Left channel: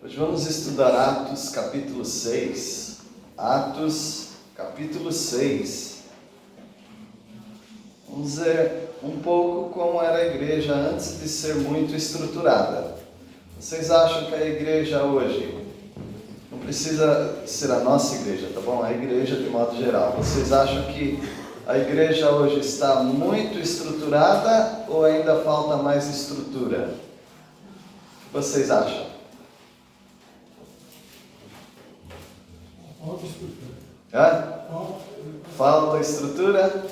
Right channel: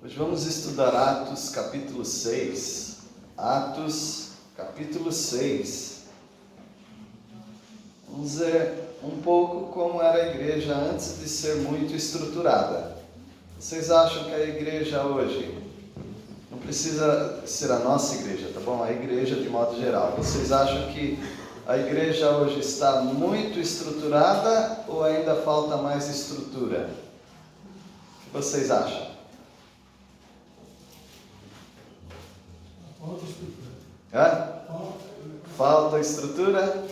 Hoje vamos estudar Atos capítulo 6. Atos capítulo 6. Vamos ver um pouco como era a igreja antes de ser muito estruturada. Vocês acham que a igreja hoje, não precisa ser a nossa igreja, tá bom? A igreja de modo geral. Vocês acham que a igreja hoje está muito estruturada ou ainda falta mais estrutura? O que vocês acham? Falta estrutura. Falta estrutura?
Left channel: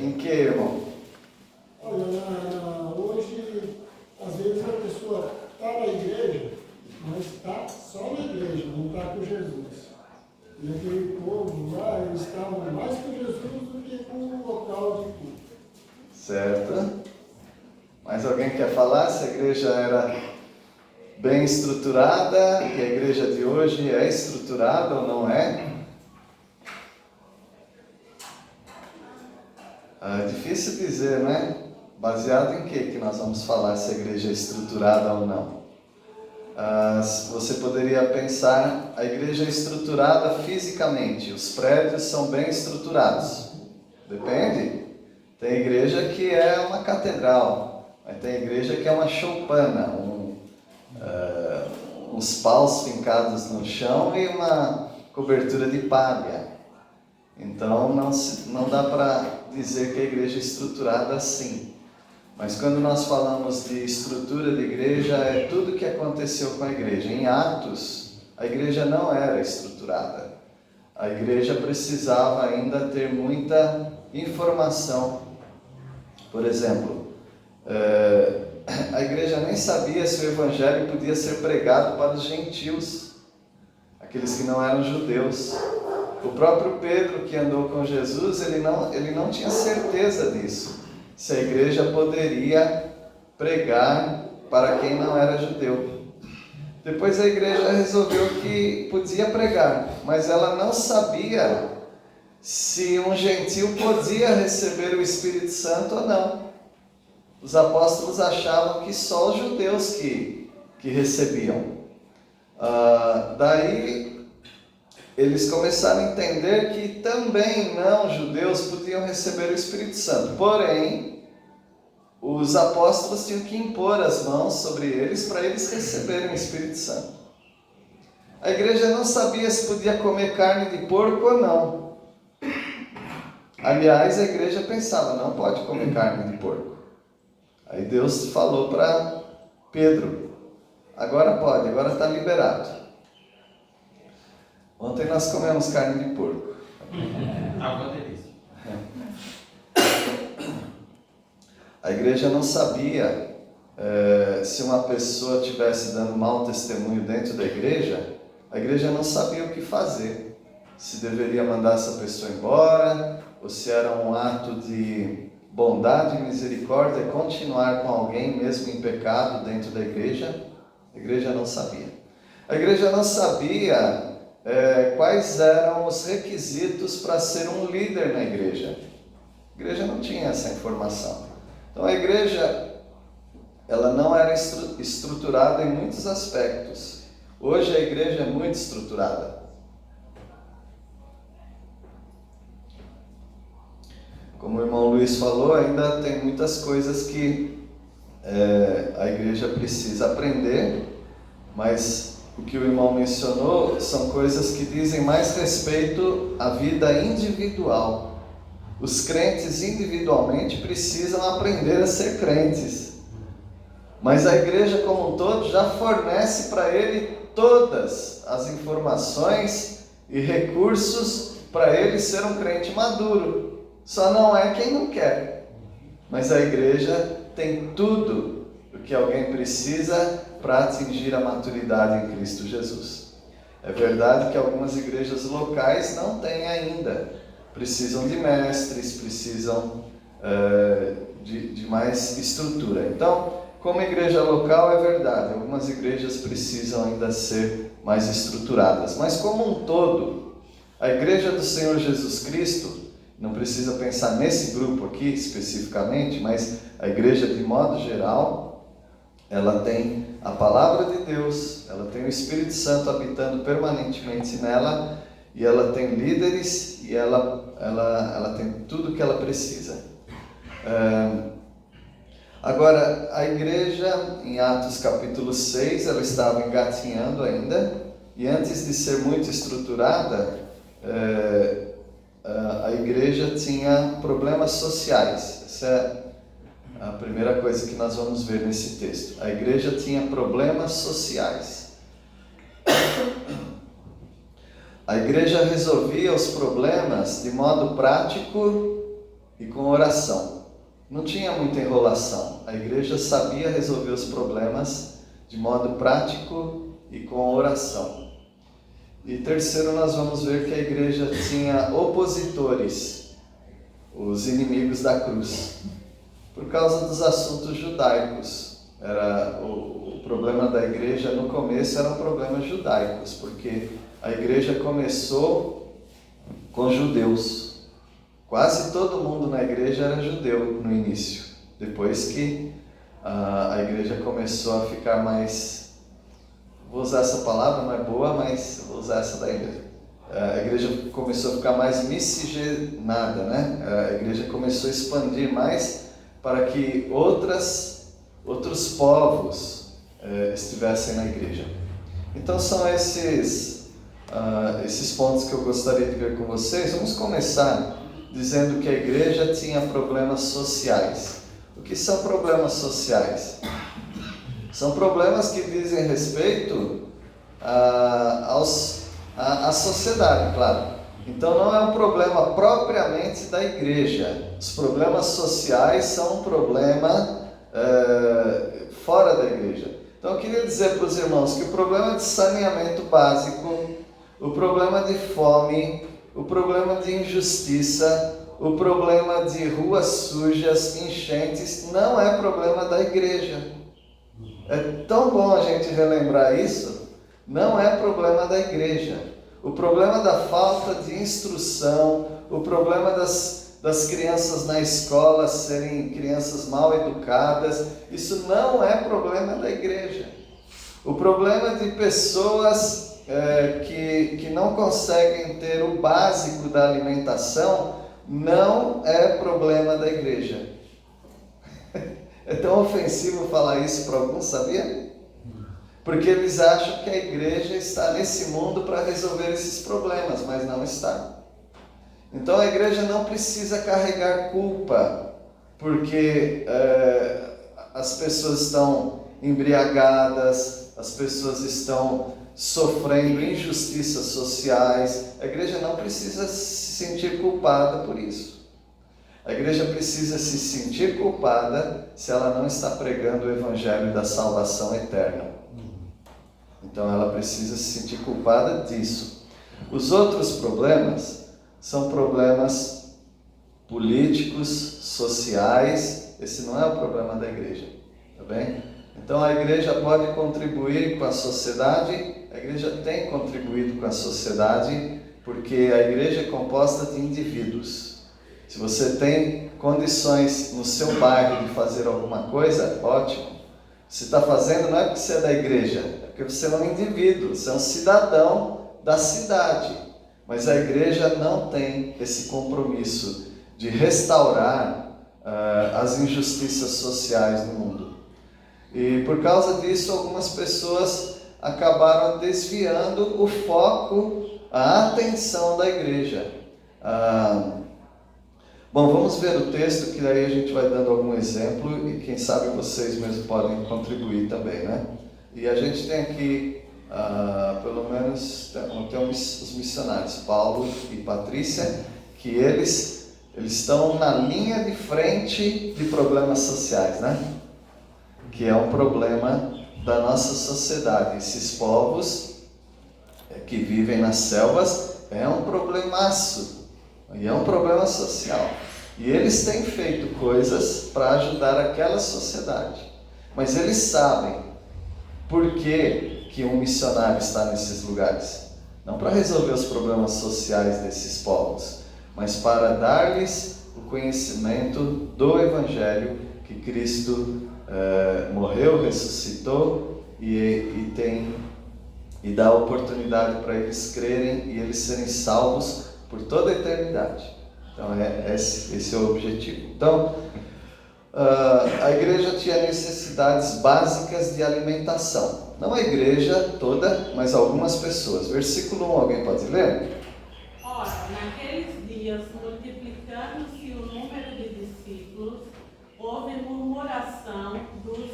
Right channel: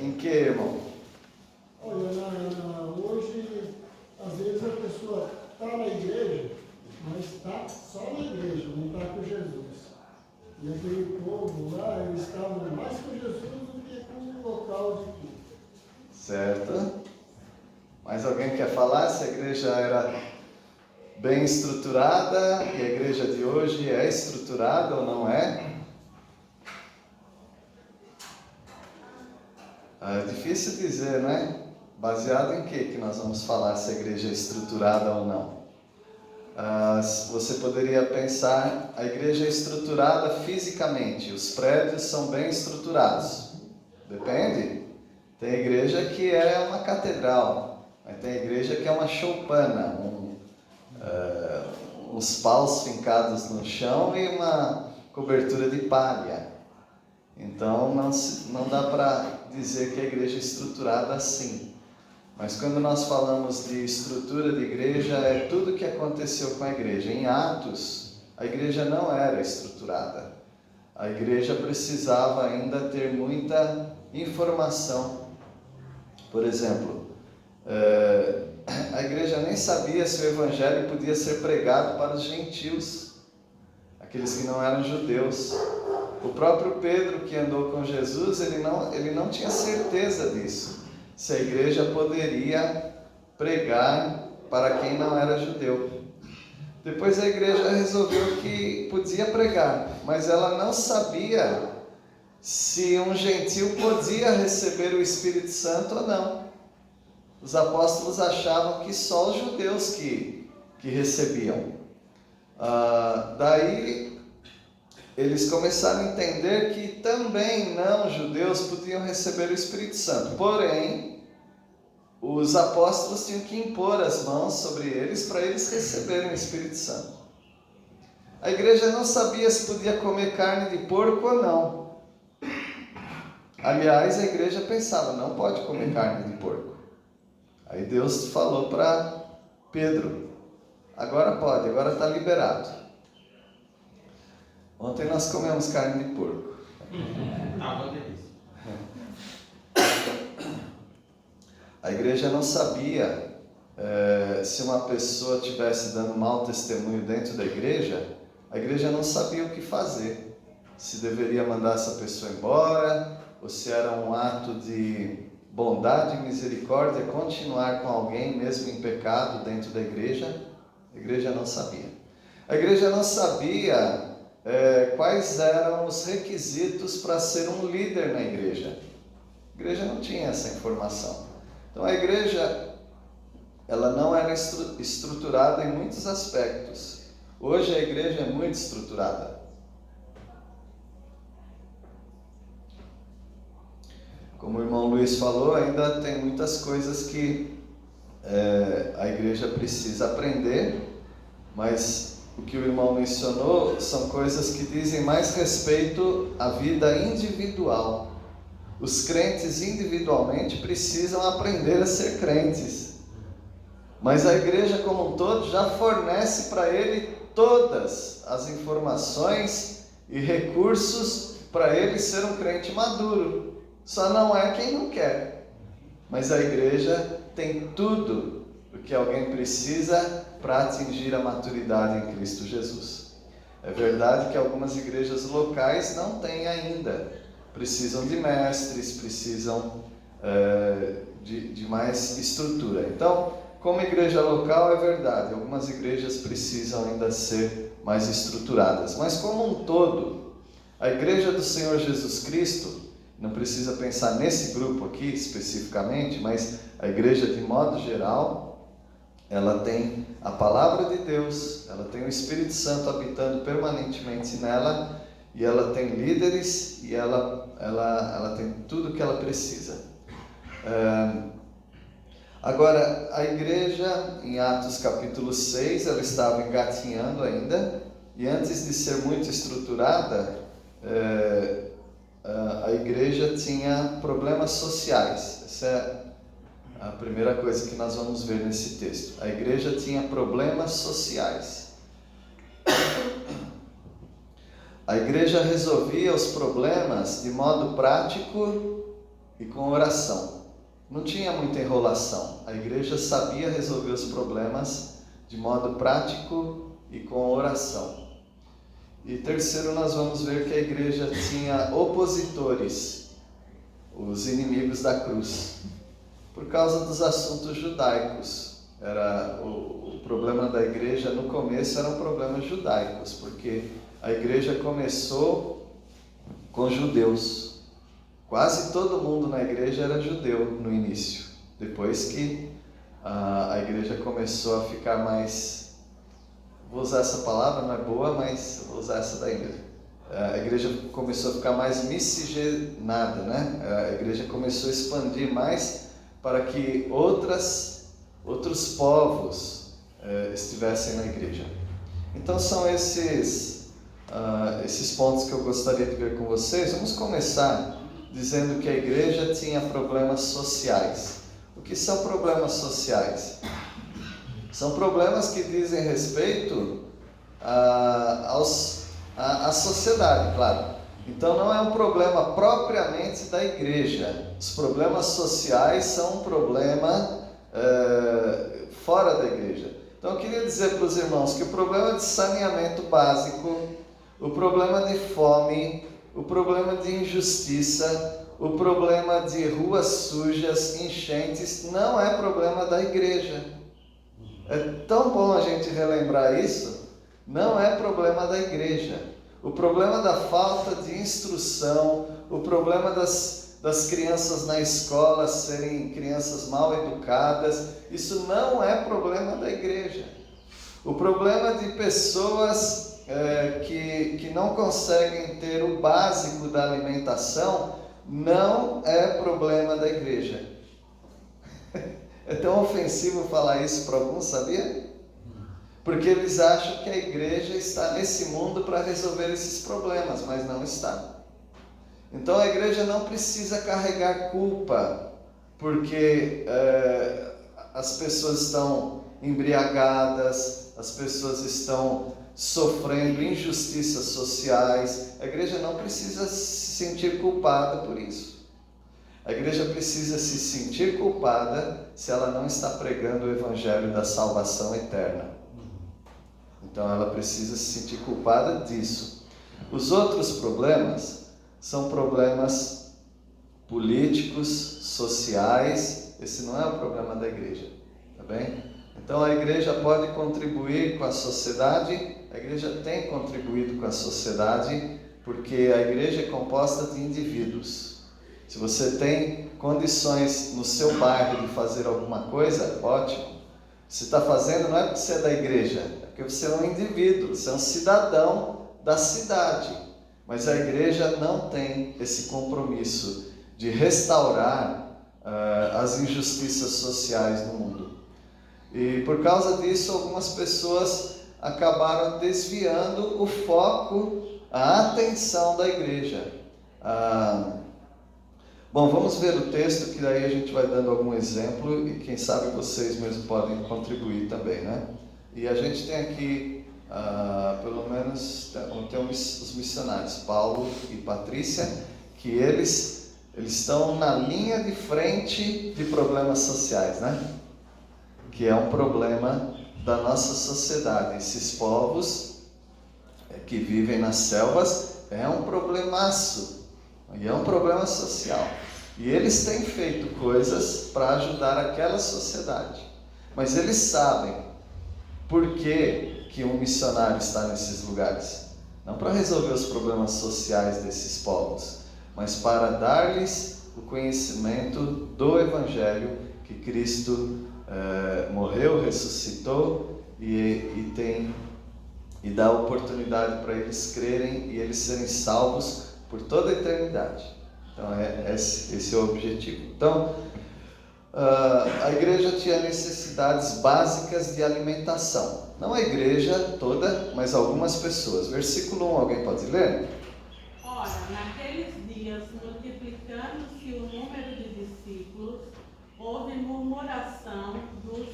Em que, irmão? Olha, hoje, às vezes a pessoa está na igreja, mas está só na igreja, não está com Jesus. E aquele povo lá, eles estavam mais com Jesus do que com o local de culto. Certo. Mais alguém quer falar se a igreja era bem estruturada e a igreja de hoje é estruturada ou não é? É difícil dizer, né? Baseado em que nós vamos falar se a igreja é estruturada ou não? Você poderia pensar, a igreja é estruturada fisicamente, os prédios são bem estruturados. Depende. Tem igreja que é uma catedral, tem igreja que é uma choupana, uns paus fincados no chão e uma cobertura de palha. Então não dá para dizer que a igreja é estruturada assim. Mas quando nós falamos de estrutura de igreja, é tudo o que aconteceu com a igreja. Em Atos, a igreja não era estruturada. A igreja precisava ainda ter muita informação. Por exemplo, a igreja nem sabia se o evangelho podia ser pregado para os gentios, aqueles que não eram judeus. O próprio Pedro, que andou com Jesus, ele não tinha certeza disso, se a igreja poderia pregar para quem não era judeu. Depois a igreja resolveu que podia pregar, mas ela não sabia se um gentil podia receber o Espírito Santo ou não. Os apóstolos achavam que só os judeus que recebiam. Daí eles começaram a entender que também não judeus podiam receber o Espírito Santo. Porém, os apóstolos tinham que impor as mãos sobre eles para eles receberem o Espírito Santo. A igreja não sabia se podia comer carne de porco ou não. Aliás, a igreja pensava, não pode comer carne de porco. Aí Deus falou para Pedro, agora pode, agora está liberado. Ontem nós comemos carne de porco. Uma delícia. A igreja não sabia se uma pessoa estivesse dando mau testemunho dentro da igreja, a igreja não sabia o que fazer. Se deveria mandar essa pessoa embora, ou se era um ato de bondade e misericórdia continuar com alguém mesmo em pecado dentro da igreja. A igreja não sabia. A igreja não sabia quais eram os requisitos para ser um líder na igreja. A igreja não tinha essa informação. Então a igreja ela não era estruturada em muitos aspectos. Hoje a igreja é muito estruturada. Como o irmão Luiz falou, ainda tem muitas coisas que a igreja precisa aprender, mas o que o irmão mencionou são coisas que dizem mais respeito à vida individual. Os crentes individualmente precisam aprender a ser crentes, mas a igreja como um todo já fornece para ele todas as informações e recursos para ele ser um crente maduro. Só não é quem não quer, mas a igreja tem tudo o que alguém precisa para atingir a maturidade em Cristo Jesus. É verdade que algumas igrejas locais não têm ainda, precisam de mestres, precisam de mais estrutura. Então, como igreja local é verdade, algumas igrejas precisam ainda ser mais estruturadas, mas como um todo, a igreja do Senhor Jesus Cristo, não precisa pensar nesse grupo aqui especificamente, mas a igreja de modo geral, ela tem a palavra de Deus, ela tem o Espírito Santo habitando permanentemente nela, e ela tem líderes, e ela tem tudo que ela precisa. Agora, a igreja, em Atos capítulo 6, ela estava engatinhando ainda, e antes de ser muito estruturada, a igreja tinha problemas sociais. Essa é a primeira coisa que nós vamos ver nesse texto. A igreja tinha problemas sociais. A igreja resolvia os problemas de modo prático e com oração. Não tinha muita enrolação. A igreja sabia resolver os problemas de modo prático e com oração. E terceiro, nós vamos ver que a igreja tinha opositores, os inimigos da cruz, por causa dos assuntos judaicos. O problema da igreja no começo eram problemas judaicos, porque a igreja começou com judeus. Quase todo mundo na igreja era judeu no início. Depois que a igreja começou a ficar mais... Vou usar essa palavra, não é boa, mas vou usar essa daí mesmo. A igreja começou a ficar mais miscigenada, né? A igreja começou a expandir mais para que outros povos estivessem na igreja. Então são esses pontos que eu gostaria de ver com vocês. Vamos começar dizendo que a igreja tinha problemas sociais. O que são problemas sociais? São problemas que dizem respeito à sociedade, claro. Então não é um problema propriamente da igreja. Os problemas sociais são um problema fora da igreja. Então eu queria dizer para os irmãos que o problema de saneamento básico, o problema de fome, o problema de injustiça, o problema de ruas sujas, enchentes, não é problema da igreja. É tão bom a gente relembrar isso. Não é problema da igreja. O problema da falta de instrução, o problema das crianças na escola serem crianças mal educadas, isso não é problema da igreja. O problema de pessoas que não conseguem ter o básico da alimentação não é problema da igreja. É tão ofensivo falar isso para alguns, sabia? Porque eles acham que a igreja está nesse mundo para resolver esses problemas, mas não está. Então a igreja não precisa carregar culpa, porque as pessoas estão embriagadas, as pessoas estão sofrendo injustiças sociais. A igreja não precisa se sentir culpada por isso. A igreja precisa se sentir culpada se ela não está pregando o evangelho da salvação eterna. Então ela precisa se sentir culpada disso. Os outros problemas são problemas políticos, sociais. Esse não é o problema da igreja, tá bem? Então a igreja pode contribuir com a sociedade, a igreja tem contribuído com a sociedade, porque a igreja é composta de indivíduos. Se você tem condições no seu bairro de fazer alguma coisa, ótimo. Você está fazendo não é porque você é da igreja, é porque você é um indivíduo, você é um cidadão da cidade. Mas a igreja não tem esse compromisso de restaurar as injustiças sociais no mundo. E por causa disso, algumas pessoas acabaram desviando o foco, a atenção da igreja. Bom, vamos ver o texto, que daí a gente vai dando algum exemplo e quem sabe vocês mesmos podem contribuir também, né? E a gente tem aqui, pelo menos, tem os missionários, Paulo e Patrícia, que eles estão na linha de frente de problemas sociais, né? Que é um problema da nossa sociedade. Esses povos que vivem nas selvas é um problemaço. E é um problema social. E eles têm feito coisas para ajudar aquela sociedade. Mas eles sabem por que um missionário está nesses lugares. Não para resolver os problemas sociais desses povos, mas para dar-lhes o conhecimento do Evangelho, que Cristo morreu, ressuscitou e dá oportunidade para eles crerem e eles serem salvos por toda a eternidade. Então esse é o objetivo. Então a igreja tinha necessidades básicas de alimentação. Não a igreja toda, mas algumas pessoas. Versículo 1, alguém pode ler? Ora, naqueles dias, multiplicando-se o número de discípulos, houve murmuração dos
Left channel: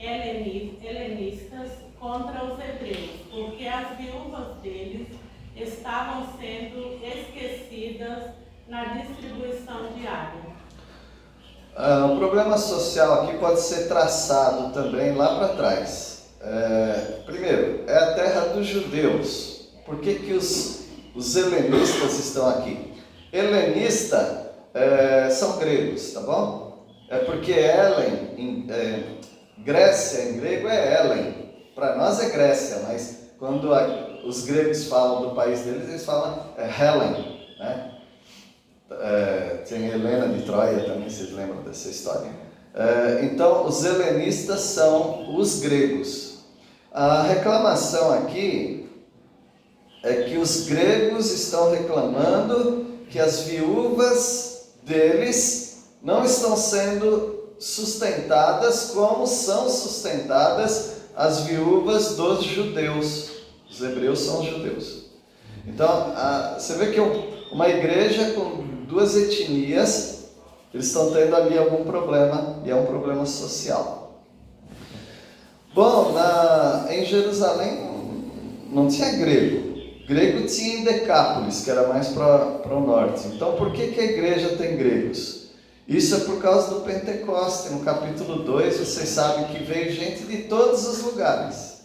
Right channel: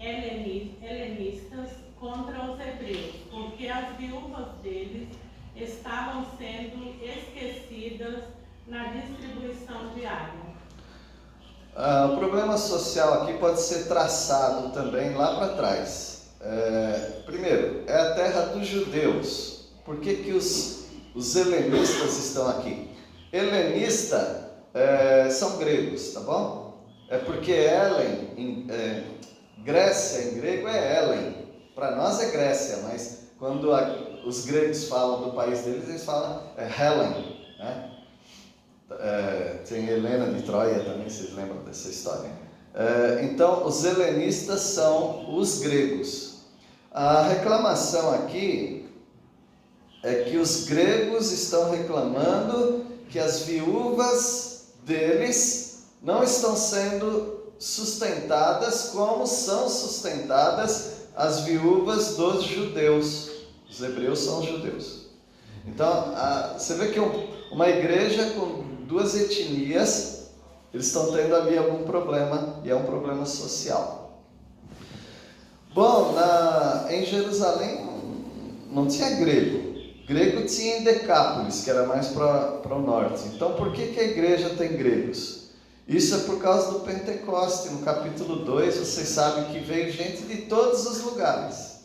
helenistas contra os hebreus, porque as viúvas deles estavam sendo esquecidas na distribuição diária. O problema social aqui pode ser traçado também lá para trás. Primeiro, é a terra dos judeus. Por que os helenistas estão aqui? Helenista são gregos, tá bom? É porque Helen, Grécia em grego é Helen. Para nós é Grécia, mas quando os gregos falam do país deles, eles falam Helen, né? Tem Helena de Troia também, vocês lembram dessa história? Então, os helenistas são os gregos. A reclamação aqui é que os gregos estão reclamando que as viúvas deles não estão sendo sustentadas como são sustentadas as viúvas dos judeus. Os hebreus são judeus. Então, você vê que uma igreja com duas etnias, eles estão tendo ali algum problema, e é um problema social. Bom, em Jerusalém não tinha grego. Grego tinha em Decápolis, que era mais para o norte. Então, por que a igreja tem gregos? Isso é por causa do Pentecoste. No capítulo 2, vocês sabem que veio gente de todos os lugares.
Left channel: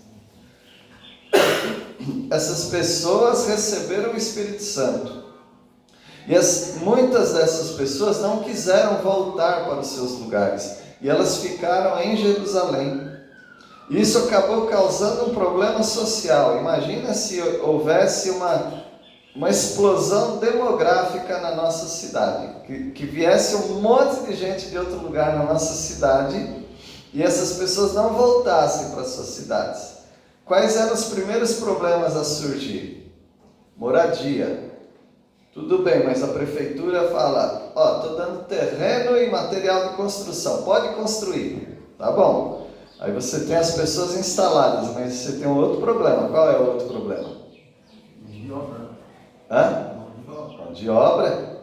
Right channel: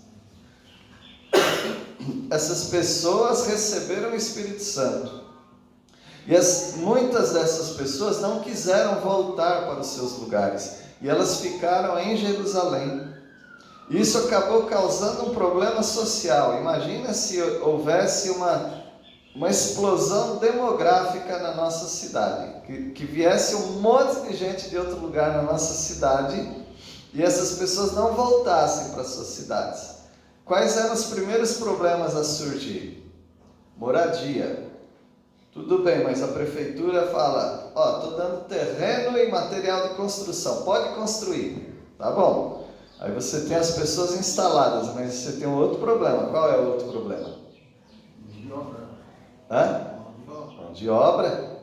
Essas pessoas receberam o Espírito Santo. E muitas dessas pessoas não quiseram voltar para os seus lugares. E elas ficaram em Jerusalém. Isso acabou causando um problema social. Imagina se houvesse uma explosão demográfica na nossa cidade. Que viesse um monte de gente de outro lugar na nossa cidade e essas pessoas não voltassem para suas cidades. Quais eram os primeiros problemas a surgir? Moradia. Tudo bem, mas a prefeitura fala, estou dando terreno e material de construção, pode construir, tá bom. Aí você tem as pessoas instaladas, mas você tem um outro problema. Qual é o outro problema? De obra. Mão de obra.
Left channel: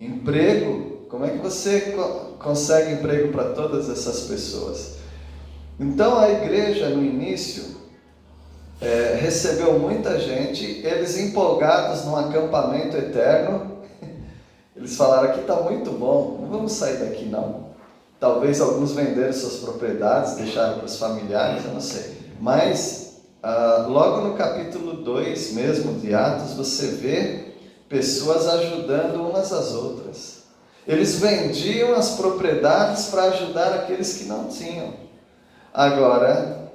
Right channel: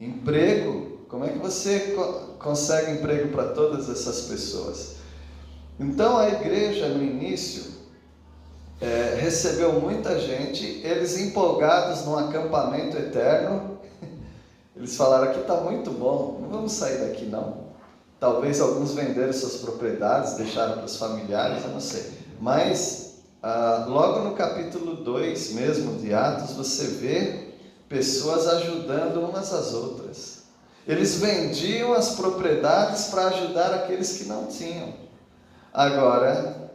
Emprego. Como é que você consegue emprego para todas essas pessoas? Então a igreja no início recebeu muita gente, eles empolgados num acampamento eterno, eles falaram, aqui está muito bom, não vamos sair daqui não. Talvez alguns venderam suas propriedades, deixaram para os familiares, eu não sei. Mas, logo no capítulo 2 mesmo de Atos, você vê pessoas ajudando umas às outras. Eles vendiam as propriedades para ajudar aqueles que não tinham. Agora,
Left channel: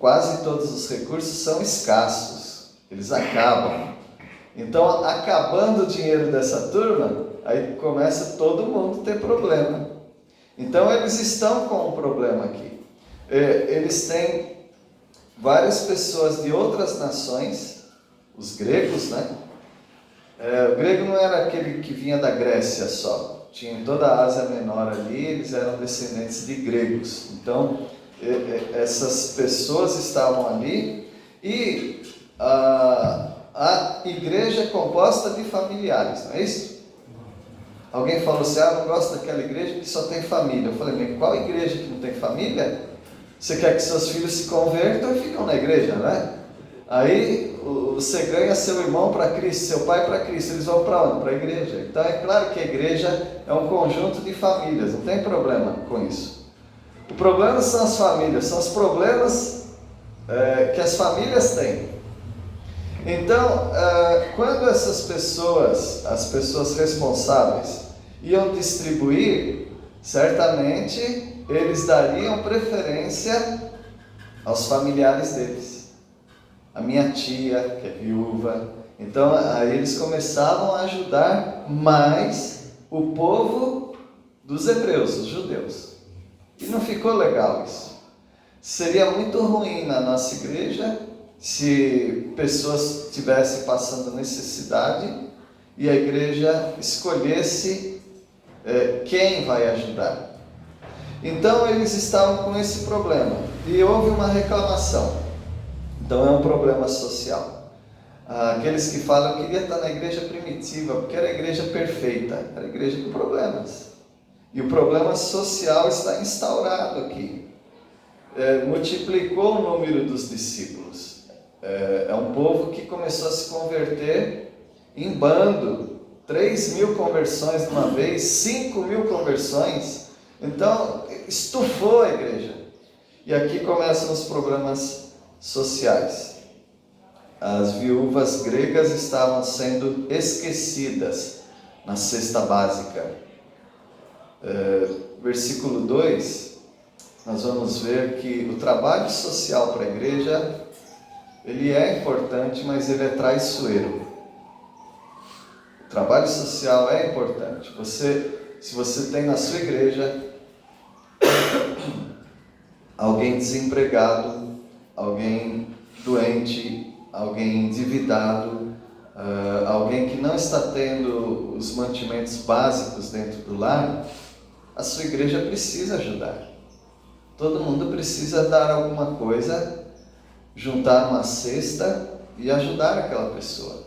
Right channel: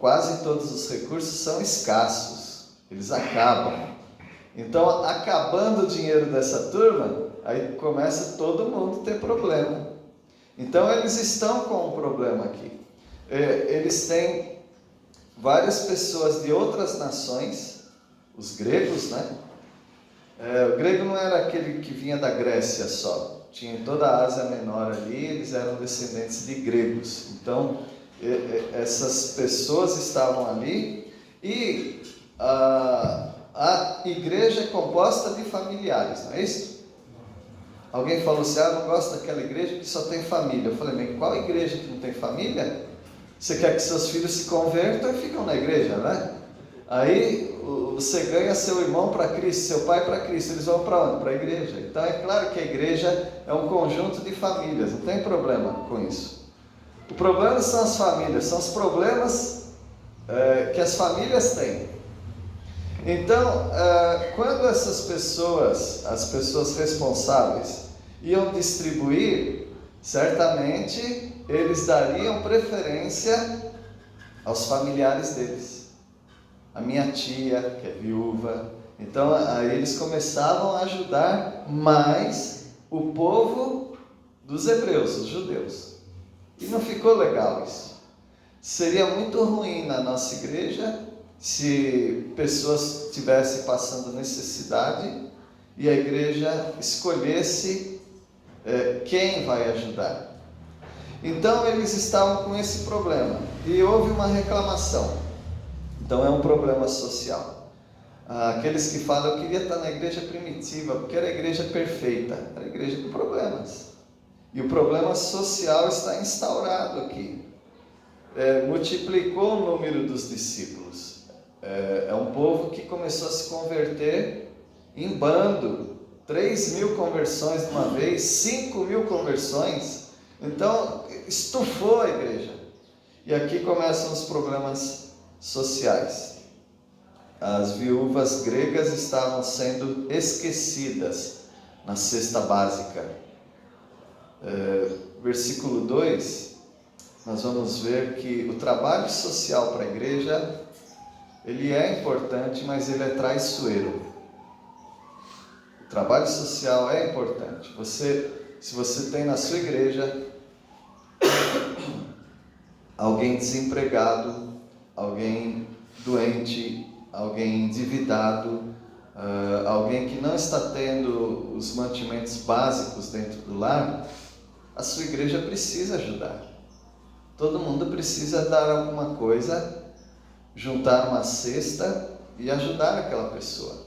quase todos os recursos são escassos, eles acabam. Então, acabando o dinheiro dessa turma, aí começa todo mundo a ter problema. Então, eles estão com um problema aqui. Eles têm várias pessoas de outras nações, os gregos, né? O grego não era aquele que vinha da Grécia só, tinha em toda a Ásia Menor ali, eles eram descendentes de gregos. Então, essas pessoas estavam ali e a igreja é composta de familiares, não é isso? Alguém falou assim, não gosto daquela igreja que só tem família. Eu falei, bem, qual igreja que não tem família? Você quer que seus filhos se convertam e ficam na igreja, né? Aí você ganha seu irmão para Cristo, seu pai para Cristo, eles vão para onde? Para a igreja. Então é claro que a igreja é um conjunto de famílias, não tem problema com isso. O problema são as famílias, são os problemas que as famílias têm. Então, quando essas pessoas, as pessoas responsáveis, iam distribuir, certamente eles dariam preferência aos familiares deles. A minha tia, que é viúva. Então, aí eles começavam a ajudar mais o povo dos hebreus, os judeus. E não ficou legal isso. Seria muito ruim na nossa igreja se pessoas estivessem passando necessidade e a igreja escolhesse quem vai ajudar. Então eles estavam com esse problema e houve uma reclamação. Então é um problema social. Aqueles que falam, eu queria estar na igreja primitiva, porque era a igreja perfeita, era a igreja com problemas. E o problema social está instaurado aqui. Multiplicou o número dos discípulos. É um povo que começou a se converter em bando. 3.000 conversões de uma vez, 5.000 conversões. Então, estufou a igreja. E aqui começam os problemas sociais. As viúvas gregas estavam sendo esquecidas na cesta básica. Versículo 2, nós vamos ver que o trabalho social para a igreja, ele é importante, mas ele é traiçoeiro. O trabalho social é importante. Se você tem na sua igreja alguém desempregado, alguém doente, alguém endividado, alguém que não está tendo os mantimentos básicos dentro do lar, a sua igreja precisa ajudar. Todo mundo precisa dar alguma coisa, juntar uma cesta e ajudar aquela pessoa.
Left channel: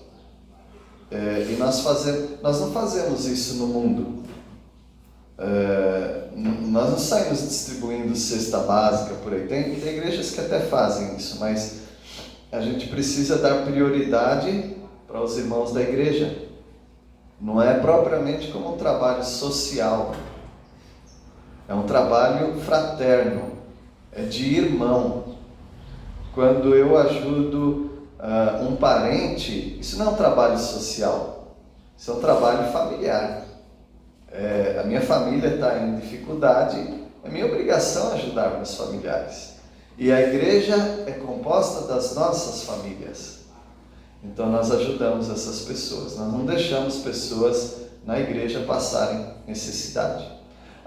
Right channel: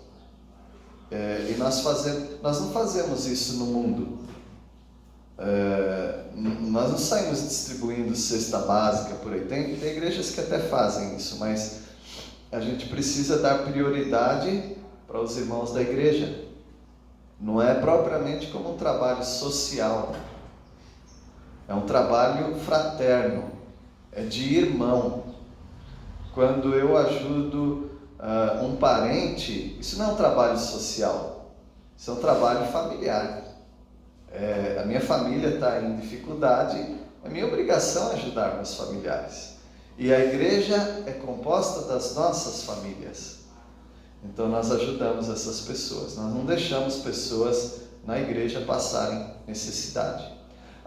E nós não fazemos isso no mundo. Nós não saímos distribuindo cesta básica por aí. Tem igrejas que até fazem isso, mas a gente precisa dar prioridade para os irmãos da igreja. Não é propriamente como um trabalho social. É um trabalho fraterno, é de irmão. Quando eu ajudo um parente, isso não é um trabalho social, isso é um trabalho familiar. A minha família está em dificuldade, é minha obrigação ajudar meus familiares. E a igreja é composta das nossas famílias. Então nós ajudamos essas pessoas, nós não deixamos pessoas na igreja passarem necessidade.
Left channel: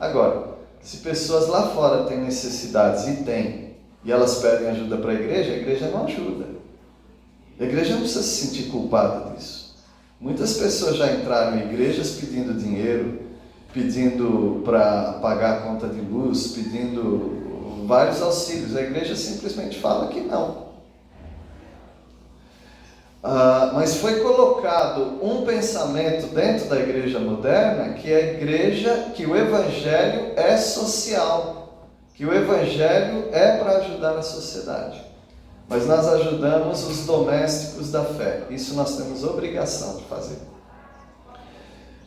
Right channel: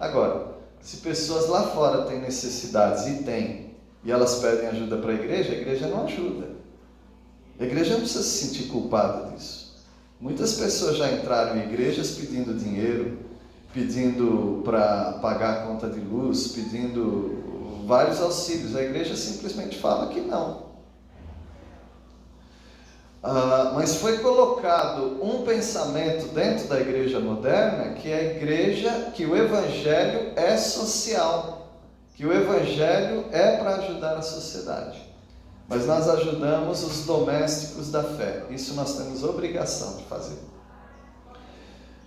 Agora, se pessoas lá fora têm necessidades e elas pedem ajuda para a igreja não ajuda. A igreja não precisa se sentir culpada disso. Muitas pessoas já entraram em igrejas pedindo dinheiro, pedindo para pagar a conta de luz, pedindo vários auxílios. A igreja simplesmente fala que não. Mas foi colocado um pensamento dentro da igreja moderna que que o evangelho é social, que o evangelho é para ajudar a sociedade. Mas nós ajudamos os domésticos da fé. Isso nós temos obrigação de fazer.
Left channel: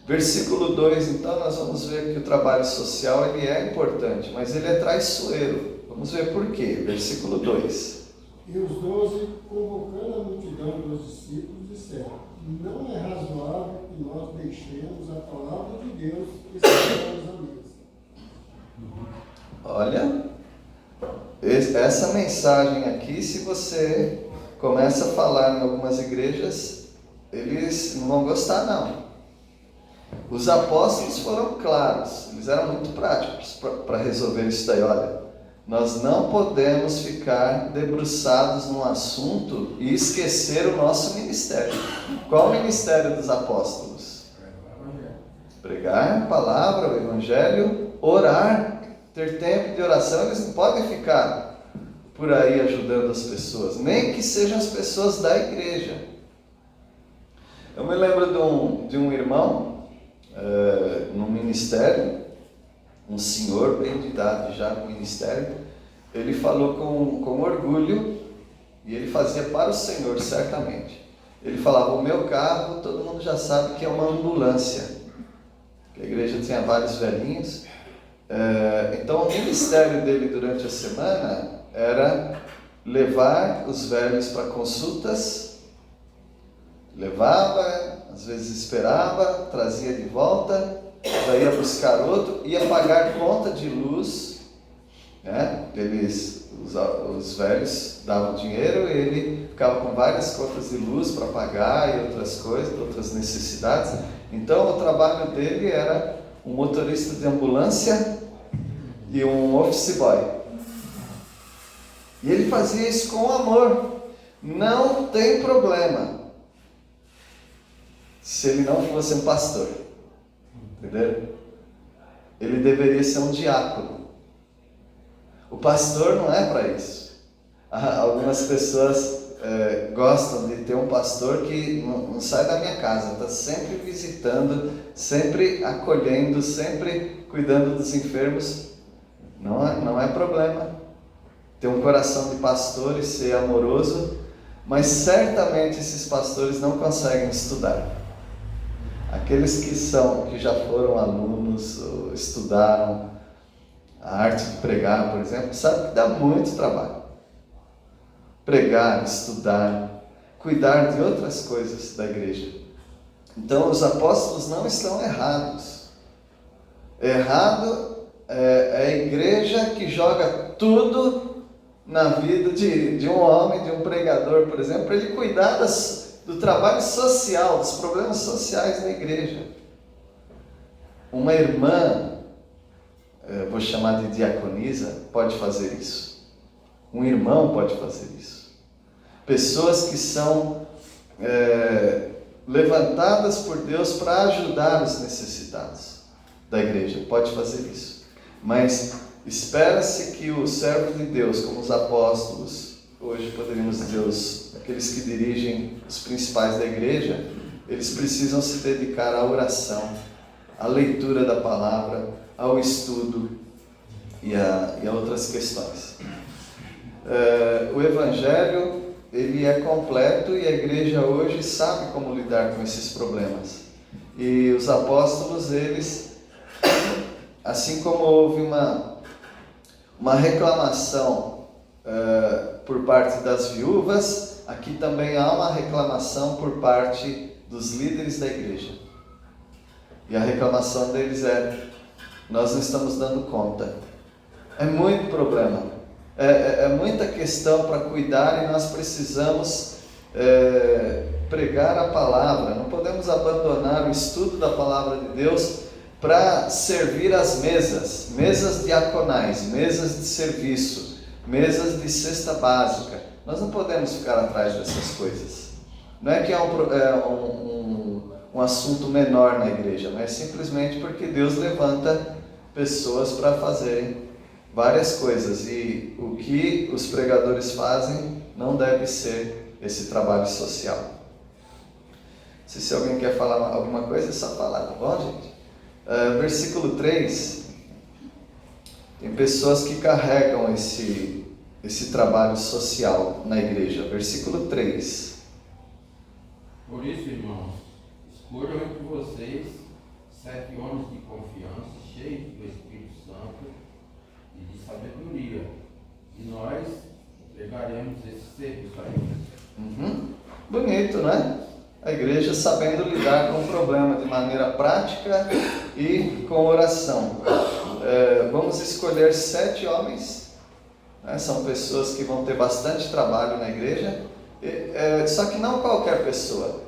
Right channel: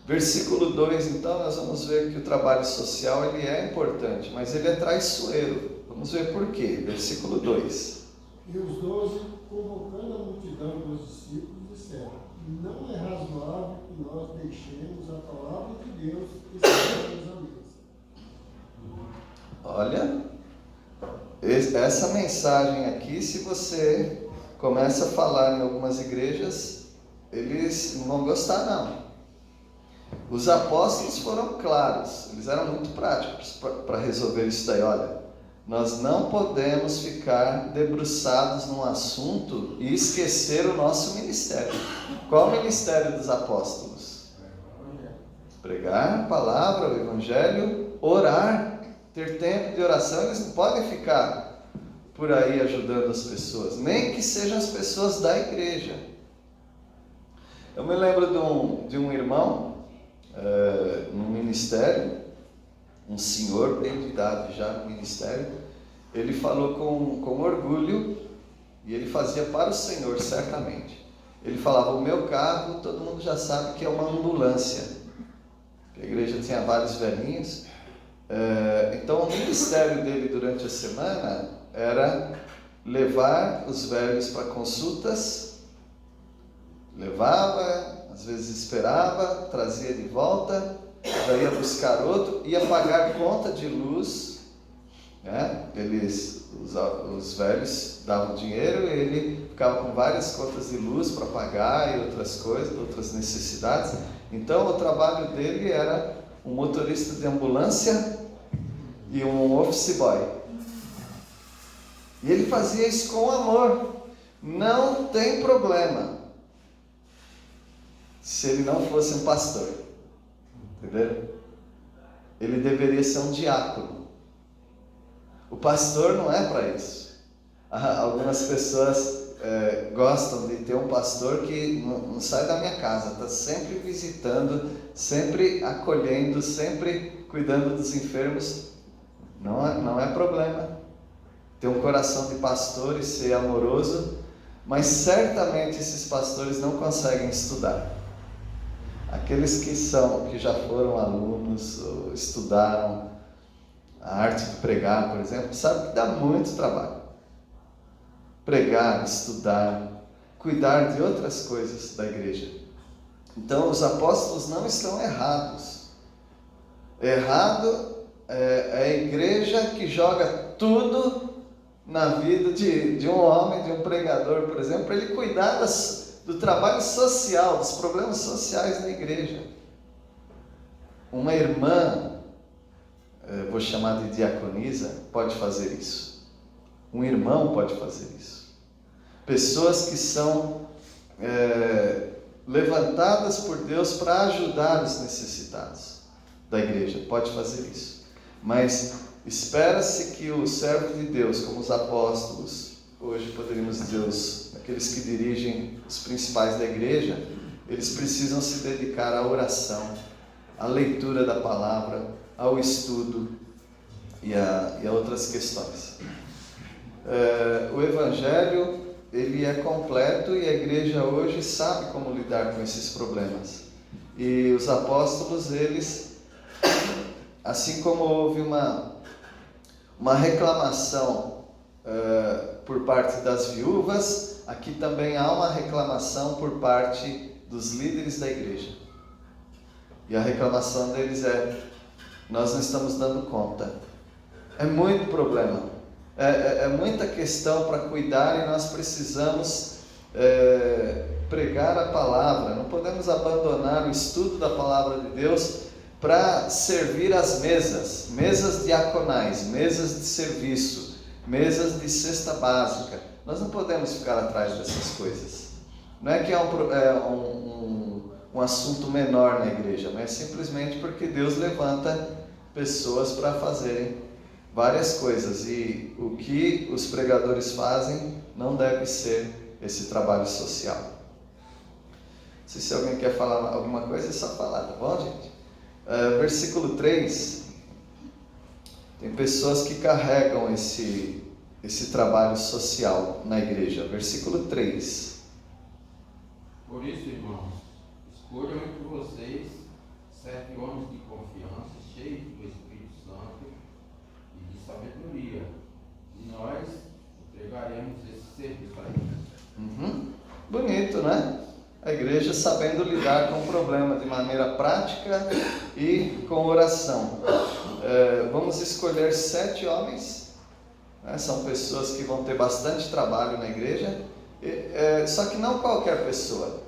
Versículo 2, então, nós vamos ver que o trabalho social ele é importante, mas ele é traiçoeiro. Vamos ver por quê. Versículo 2. E os 12, convocando a multidão dos discípulos, disseram: não é razoável que nós deixemos a palavra de Deus e sentemos à mesa. Olha, essa mensagem aqui, se você começa a falar em algumas igrejas, eles não vão gostar não. Os apóstolos foram claros, eles eram muito práticos para resolver isso daí. Olha, nós não podemos ficar debruçados num assunto e esquecer o nosso ministério. Qual é o ministério dos apóstolos? Pregar a palavra, o evangelho, orar, ter tempo de oração. Eles não podem ficar por aí ajudando as pessoas, nem que sejam as pessoas da igreja. Eu me lembro de um irmão no ministério, um senhor bem de idade já no ministério. Ele falou com orgulho, e ele fazia para o Senhor certamente. Ele falava: o meu carro todo mundo já sabe que é uma ambulância. A igreja tinha vários velhinhos. Então o ministério dele durante a semana era levar os velhos para consultas, levava, às vezes esperava, trazia de volta, já ia buscar outro, ia pagar conta de luz, né? Os velhos davam dinheiro e ele ficava com várias contas de luz para pagar e outras coisas, outras necessidades. Então o trabalho dele era um motorista de ambulância e um office boy. E ele fazia isso com amor. Não tem problema se ele não fosse um pastor. Entenderam? Ele deveria ser um diácono. O pastor não é para isso. Algumas pessoas gostam de ter um pastor que não sai da minha casa, está sempre visitando, sempre acolhendo, sempre cuidando dos enfermos. Não é problema ter um coração de pastor e ser amoroso, mas certamente esses pastores não conseguem estudar. Aqueles que já foram alunos, ou estudaram a arte de pregar, por exemplo, sabem que dá muito trabalho. Pregar, estudar, cuidar de outras coisas da igreja. Então os apóstolos não estão errados. Errado é a igreja que joga tudo na vida de um homem, de um pregador, por exemplo, para ele cuidar do trabalho social, dos problemas sociais da igreja. Uma irmã, vou chamar de diaconisa, pode fazer isso. Um irmão pode fazer isso. Pessoas que são levantadas por Deus para ajudar os necessitados da igreja, pode fazer isso. Mas espera-se que o servo de Deus, como os apóstolos, hoje poderíamos dizer aqueles que dirigem os principais da igreja, eles precisam se dedicar à oração, à leitura da palavra, ao estudo e a outras questões. O Evangelho, ele é completo e a igreja hoje sabe como lidar com esses problemas. E os apóstolos, eles, assim como houve uma reclamação por parte das viúvas, aqui também há uma reclamação por parte dos líderes da igreja. E a reclamação deles nós não estamos dando conta. É muito problema. É muita questão para cuidar e nós precisamos pregar a palavra. Não podemos abandonar o estudo da palavra de Deus para servir as mesas diaconais, mesas de serviço, mesas de cesta básica. Nós não podemos ficar atrás dessas coisas. Não é que é um assunto menor na igreja, mas simplesmente porque Deus levanta pessoas para fazerem várias coisas, e o que os pregadores fazem não deve ser esse trabalho social. Não sei se alguém quer falar alguma coisa, é só falar, tá bom, gente? Versículo 3, tem pessoas que carregam esse trabalho social na igreja. Versículo 3. Por isso, irmãos, escolham entre vocês 7 homens de confiança, cheios do Espírito Santo e de sabedoria, e nós entregaremos esse serviço a eles. Bonito, né? A igreja sabendo lidar com o problema de maneira prática e com oração. Vamos escolher 7 homens, né? São pessoas que vão ter bastante trabalho na igreja, só que não qualquer pessoa.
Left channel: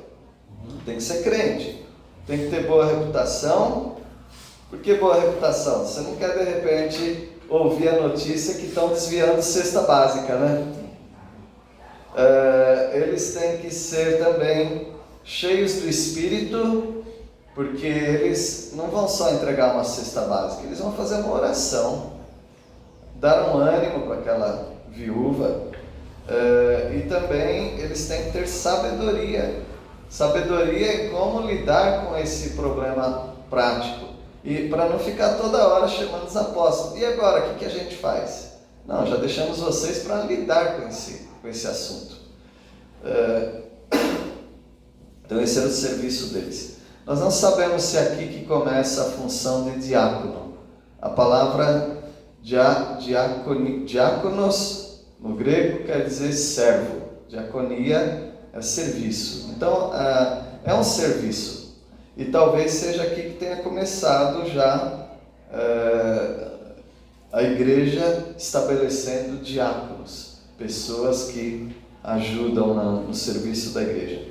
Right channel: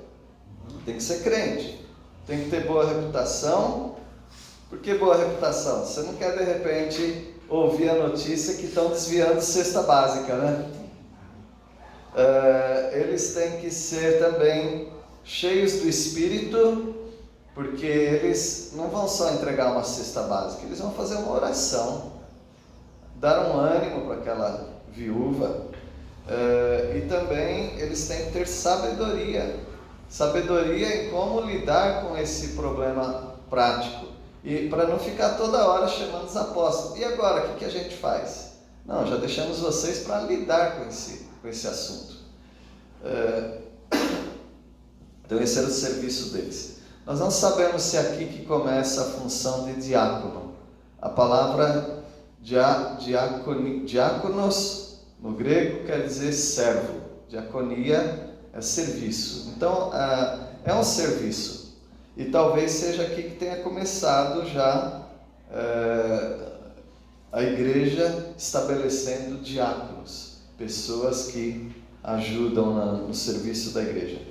Tem que ser crente, tem que ter boa reputação. Por que boa reputação? Você não quer de repente ouvir a notícia que estão desviando cesta básica, né? Eles têm que ser também cheios do Espírito, porque eles não vão só entregar uma cesta básica, eles vão fazer uma oração, dar um ânimo para aquela viúva, e também eles têm que ter sabedoria em como lidar com esse problema prático, e para não ficar toda hora chamando os apóstolos. E agora, o que a gente faz? Não, já deixamos vocês para lidar com esse assunto. Então esse era o serviço deles. Nós não sabemos se é aqui que começa a função de diácono. A palavra diáconos no grego quer dizer servo. Diaconia é serviço. Então é um serviço. E talvez seja aqui que tenha começado já a igreja estabelecendo diáconos, pessoas que ajudam no serviço da igreja.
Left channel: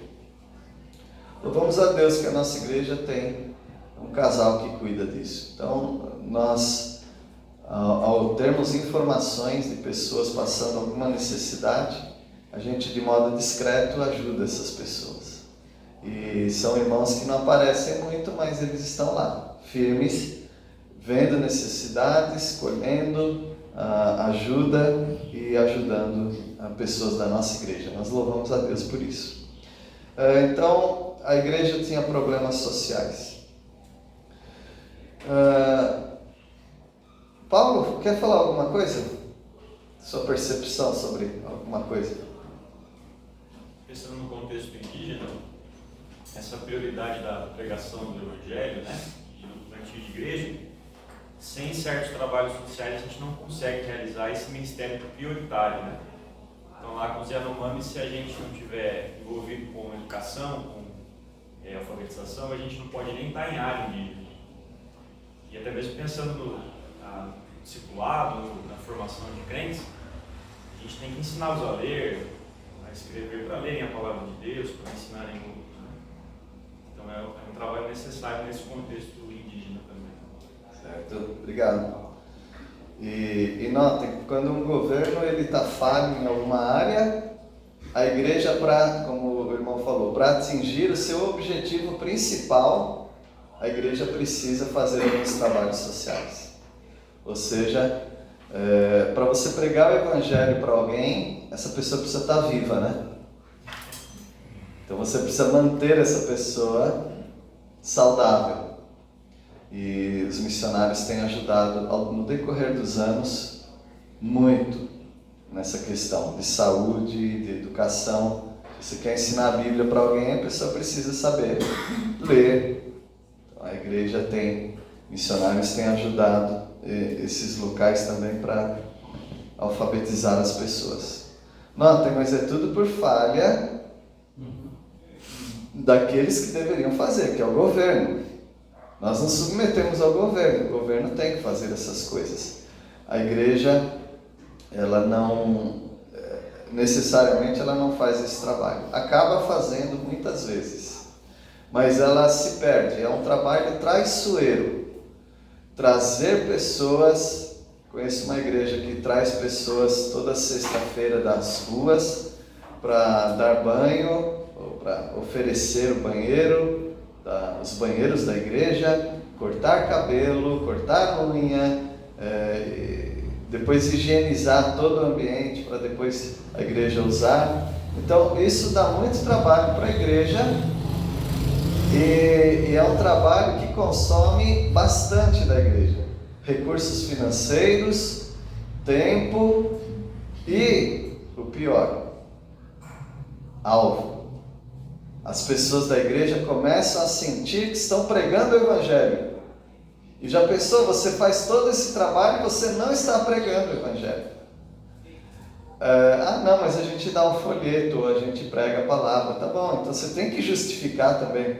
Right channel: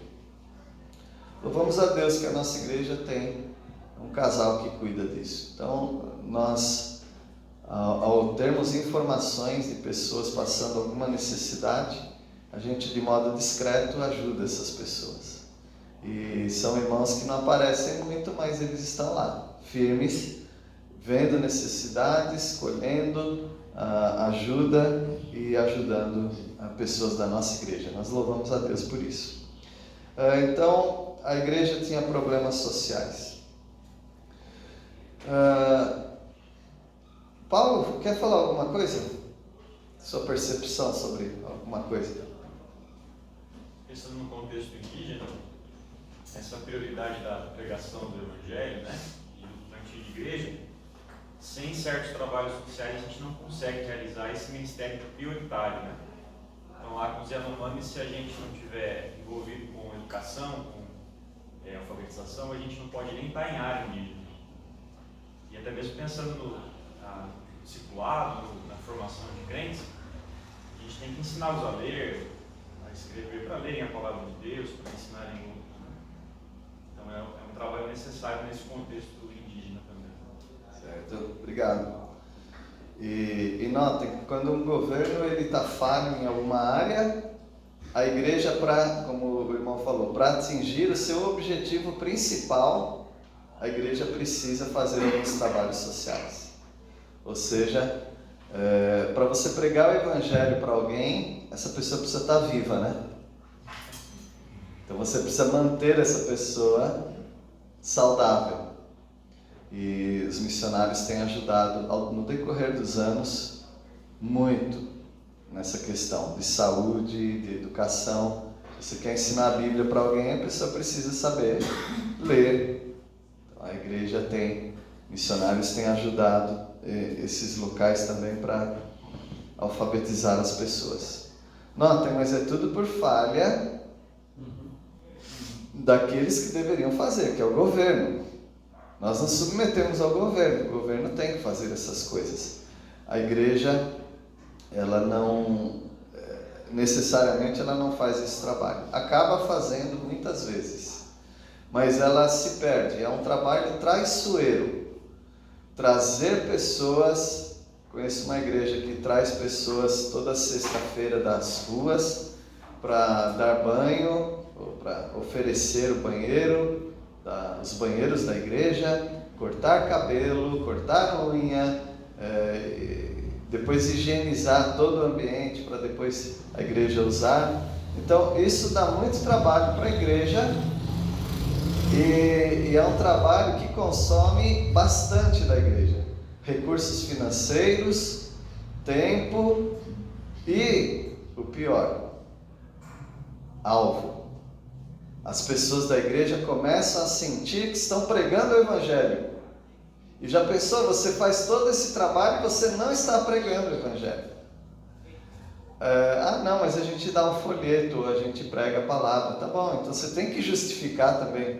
Louvamos a Deus que a nossa igreja tem um casal que cuida disso. Então, nós, ao termos informações de pessoas passando alguma necessidade, a gente, de modo discreto, ajuda essas pessoas. E são irmãos que não aparecem muito, mas eles estão lá, firmes, vendo necessidades, colhendo ajuda e ajudando pessoas da nossa igreja. Nós louvamos a Deus por isso. Então, a igreja tinha problemas sociais. Paulo, quer falar alguma coisa? Sua percepção sobre alguma coisa? Pensando no contexto indígena, essa prioridade da pregação do Evangelho, né, e do plantio de igreja, sem certos trabalhos sociais a gente não consegue realizar esse ministério prioritário, né? Então lá com os Yanomamis, se a gente não tiver envolvido com educação, com alfabetização, a gente não pode nem estar em área indígena. E até mesmo pensando no discipulado, na formação de crentes, a gente tem que ensiná-los a ler, a escrever para lerem a palavra de Deus, para ensinarem outros. Né? Então é um trabalho necessário nesse contexto indígena também. Certo, obrigado. E notem, quando um governo está falho em alguma área, a igreja, como o irmão falou, para atingir o seu objetivo principal, a igreja precisa fazer alguns trabalhos sociais. Ou seja, para você pregar o evangelho para alguém, essa pessoa precisa estar viva, né? Então você precisa manter essa pessoa saudável. E os missionários têm ajudado no decorrer dos anos muito nessa questão de saúde, de educação. Se você quer ensinar a Bíblia para alguém, a pessoa precisa saber ler. Então, a igreja missionários têm ajudado esses locais também para alfabetizar as pessoas. Notem, mas é tudo por falha daqueles que deveriam fazer, que é o governo. Nós nos submetemos ao governo, o governo tem que fazer essas coisas. A igreja, ela não, necessariamente ela não faz esse trabalho. Acaba fazendo muitas vezes, mas ela se perde. É um trabalho traiçoeiro. Trazer pessoas, conheço uma igreja que traz pessoas toda sexta-feira das ruas para dar banho, ou para oferecer o banheiro, os banheiros da igreja, cortar cabelo, cortar unha, depois higienizar todo o ambiente para depois a igreja usar. Então isso dá muito trabalho para a igreja e é um trabalho que consome bastante da igreja, recursos financeiros, tempo e, o pior, alvo. As pessoas da igreja começam a sentir que estão pregando o evangelho. E já pensou, você faz todo esse trabalho e você não está pregando o evangelho. Não, mas a gente dá um folheto, a gente prega a palavra. Tá bom, então você tem que justificar também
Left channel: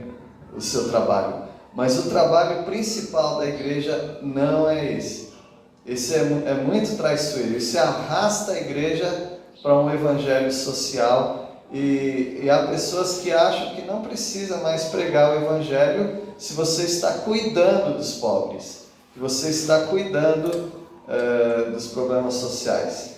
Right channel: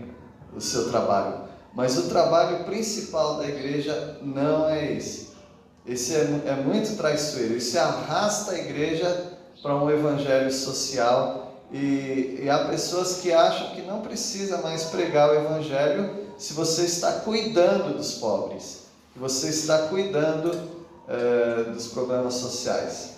o seu trabalho. Mas o trabalho principal da igreja não é esse. Esse é muito traiçoeiro. Isso arrasta a igreja para um evangelho social. E há pessoas que acham que não precisa mais pregar o evangelho se você está cuidando dos pobres, se você está cuidando dos problemas sociais.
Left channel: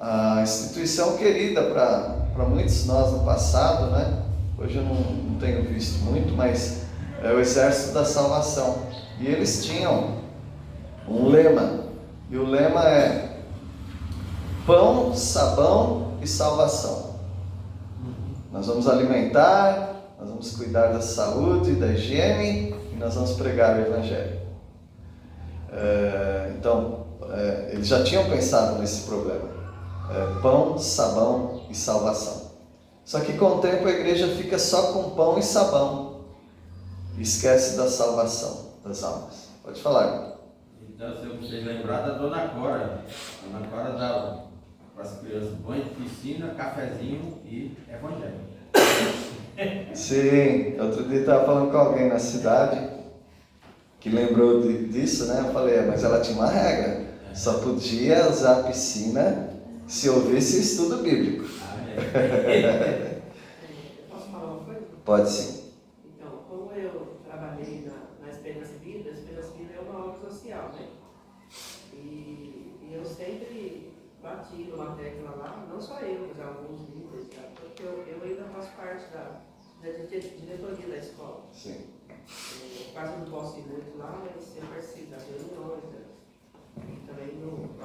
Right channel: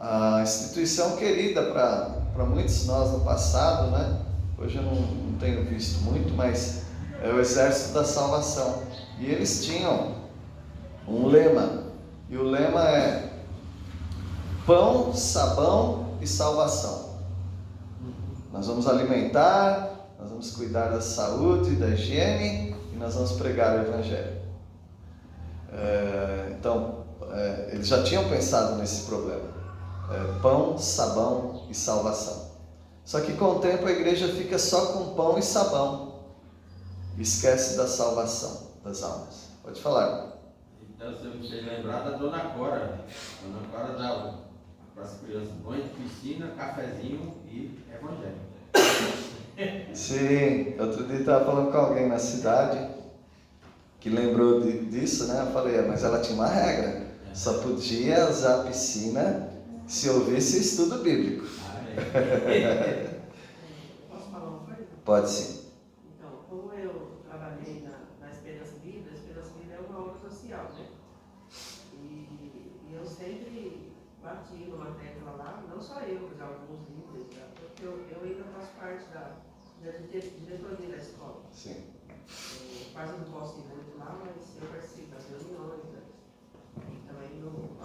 A instituição querida para muitos de nós no passado, né? Hoje eu não tenho visto muito, mas é o Exército da Salvação. E eles tinham um lema, e o lema é pão, sabão e salvação. Nós vamos alimentar, nós vamos cuidar da saúde, da higiene e nós vamos pregar o evangelho. Então, eles já tinham pensado nesse problema. Pão, sabão e salvação. Só que com o tempo a igreja fica só com pão e sabão e esquece da salvação das almas. Pode falar. Então, se você lembrar da Dona Cora. A Dona Cora dava para as crianças banho de piscina, cafezinho e evangelho. Sim, outro dia eu estava falando com alguém na cidade que lembrou disso, né? Eu falei, mas ela tinha uma regra, só podia usar a piscina se houvesse estudo bíblico. Posso falar uma coisa? Pode sim. Então, como eu trabalhei na Esperança Vida, a Esperança Vida é uma obra social, né? E eu sempre bati numa tecla lá, não só eu, mas alguns líderes, tá? Porque eu ainda faço parte da diretoria da escola. Sim. Quase não posso ir muito lá, mas eu participo das reuniões, né? Também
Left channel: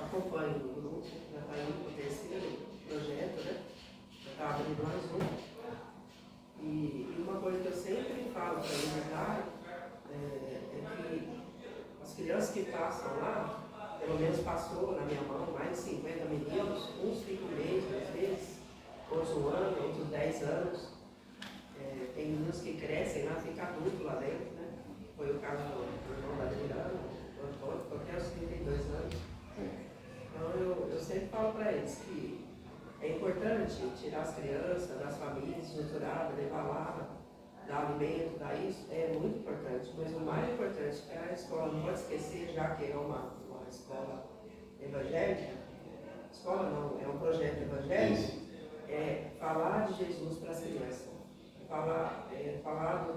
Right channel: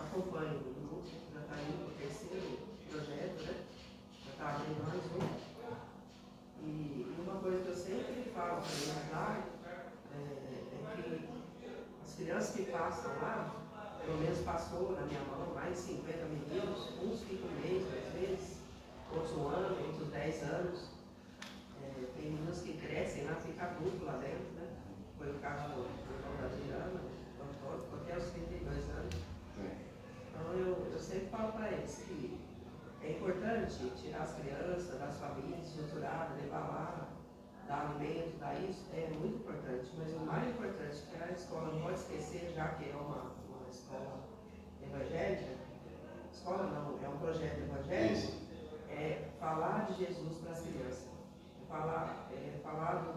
acompanho o grupo, já está indo para o terceiro projeto, né? Já está abrindo mais um. E uma coisa que eu sempre falo para eles lá é que as crianças que passam lá, pelo menos passou na minha mão mais de 50 meninos, uns ficam um mês, às vezes, outros um ano, outros 10 anos. Tem meninos que crescem lá, ficam adultos lá dentro, né? Foi o caso do irmão da Adriana, do Antônio, ficou até os 32 anos. Então eu sempre falo para eles que é importante tirar as crianças das famílias estruturadas, levar lá, dar alimento, dar isso, é muito importante. Mas o mais importante que a escola não pode esquecer, já que é uma escola evangélica, escola não, é um projeto evangélico, é falar de Jesus para as crianças. Falar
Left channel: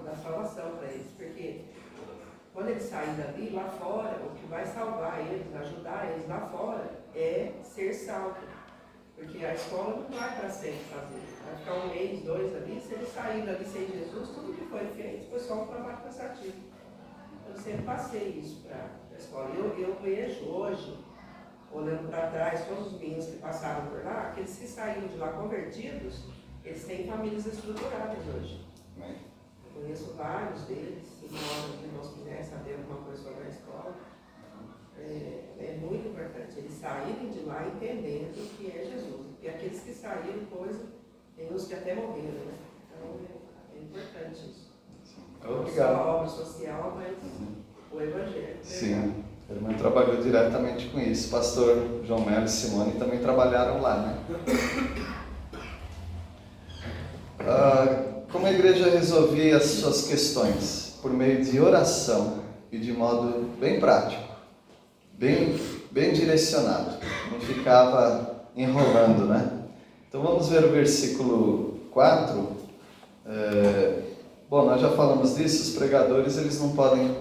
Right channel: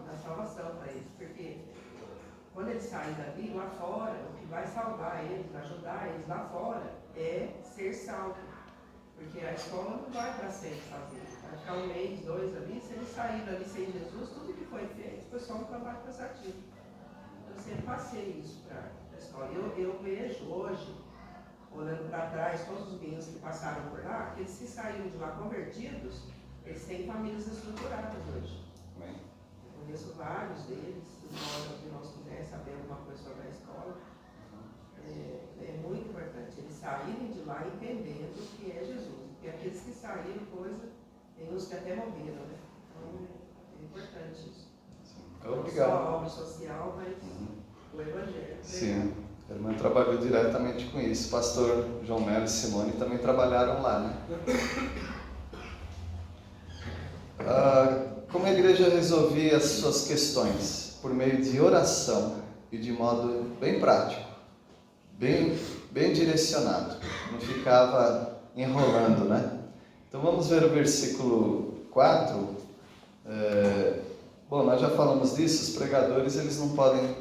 da salvação para eles, porque quando eles saem dali, lá fora, o que vai salvar eles, ajudar eles lá fora, é ser salvo. Porque a escola não vai para sempre fazer. Vai ficar um mês, 2 ali, se eles saírem dali sem Jesus, tudo que foi feito foi só um trabalho cansativo. Eu sempre passei isso para a escola. Eu vejo hoje, olhando para trás, todos os meninos que passaram por lá, aqueles que saíram de lá convertidos, eles têm famílias estruturadas hoje. Eu conheço vários deles, se nós quiserem saber alguma coisa sobre a escola. É muito importante eles saírem de lá entendendo que é Jesus. E aqueles que saíram, tem uns que até morreram, né? Então é importante isso. Não só a obra social, mas o Evangelho. Sim, o irmão trabalhou diretamente com isso. O pastor João Melo e Simone também trabalharam lá, né? Como a igreja resolvia as suas questões? Por meio de oração e de modo bem prático, bem direcionado, não ficava enrolando, né? Então vamos ver o versículo 4. Bom, nós já falamos disso, os pregadores eles não podem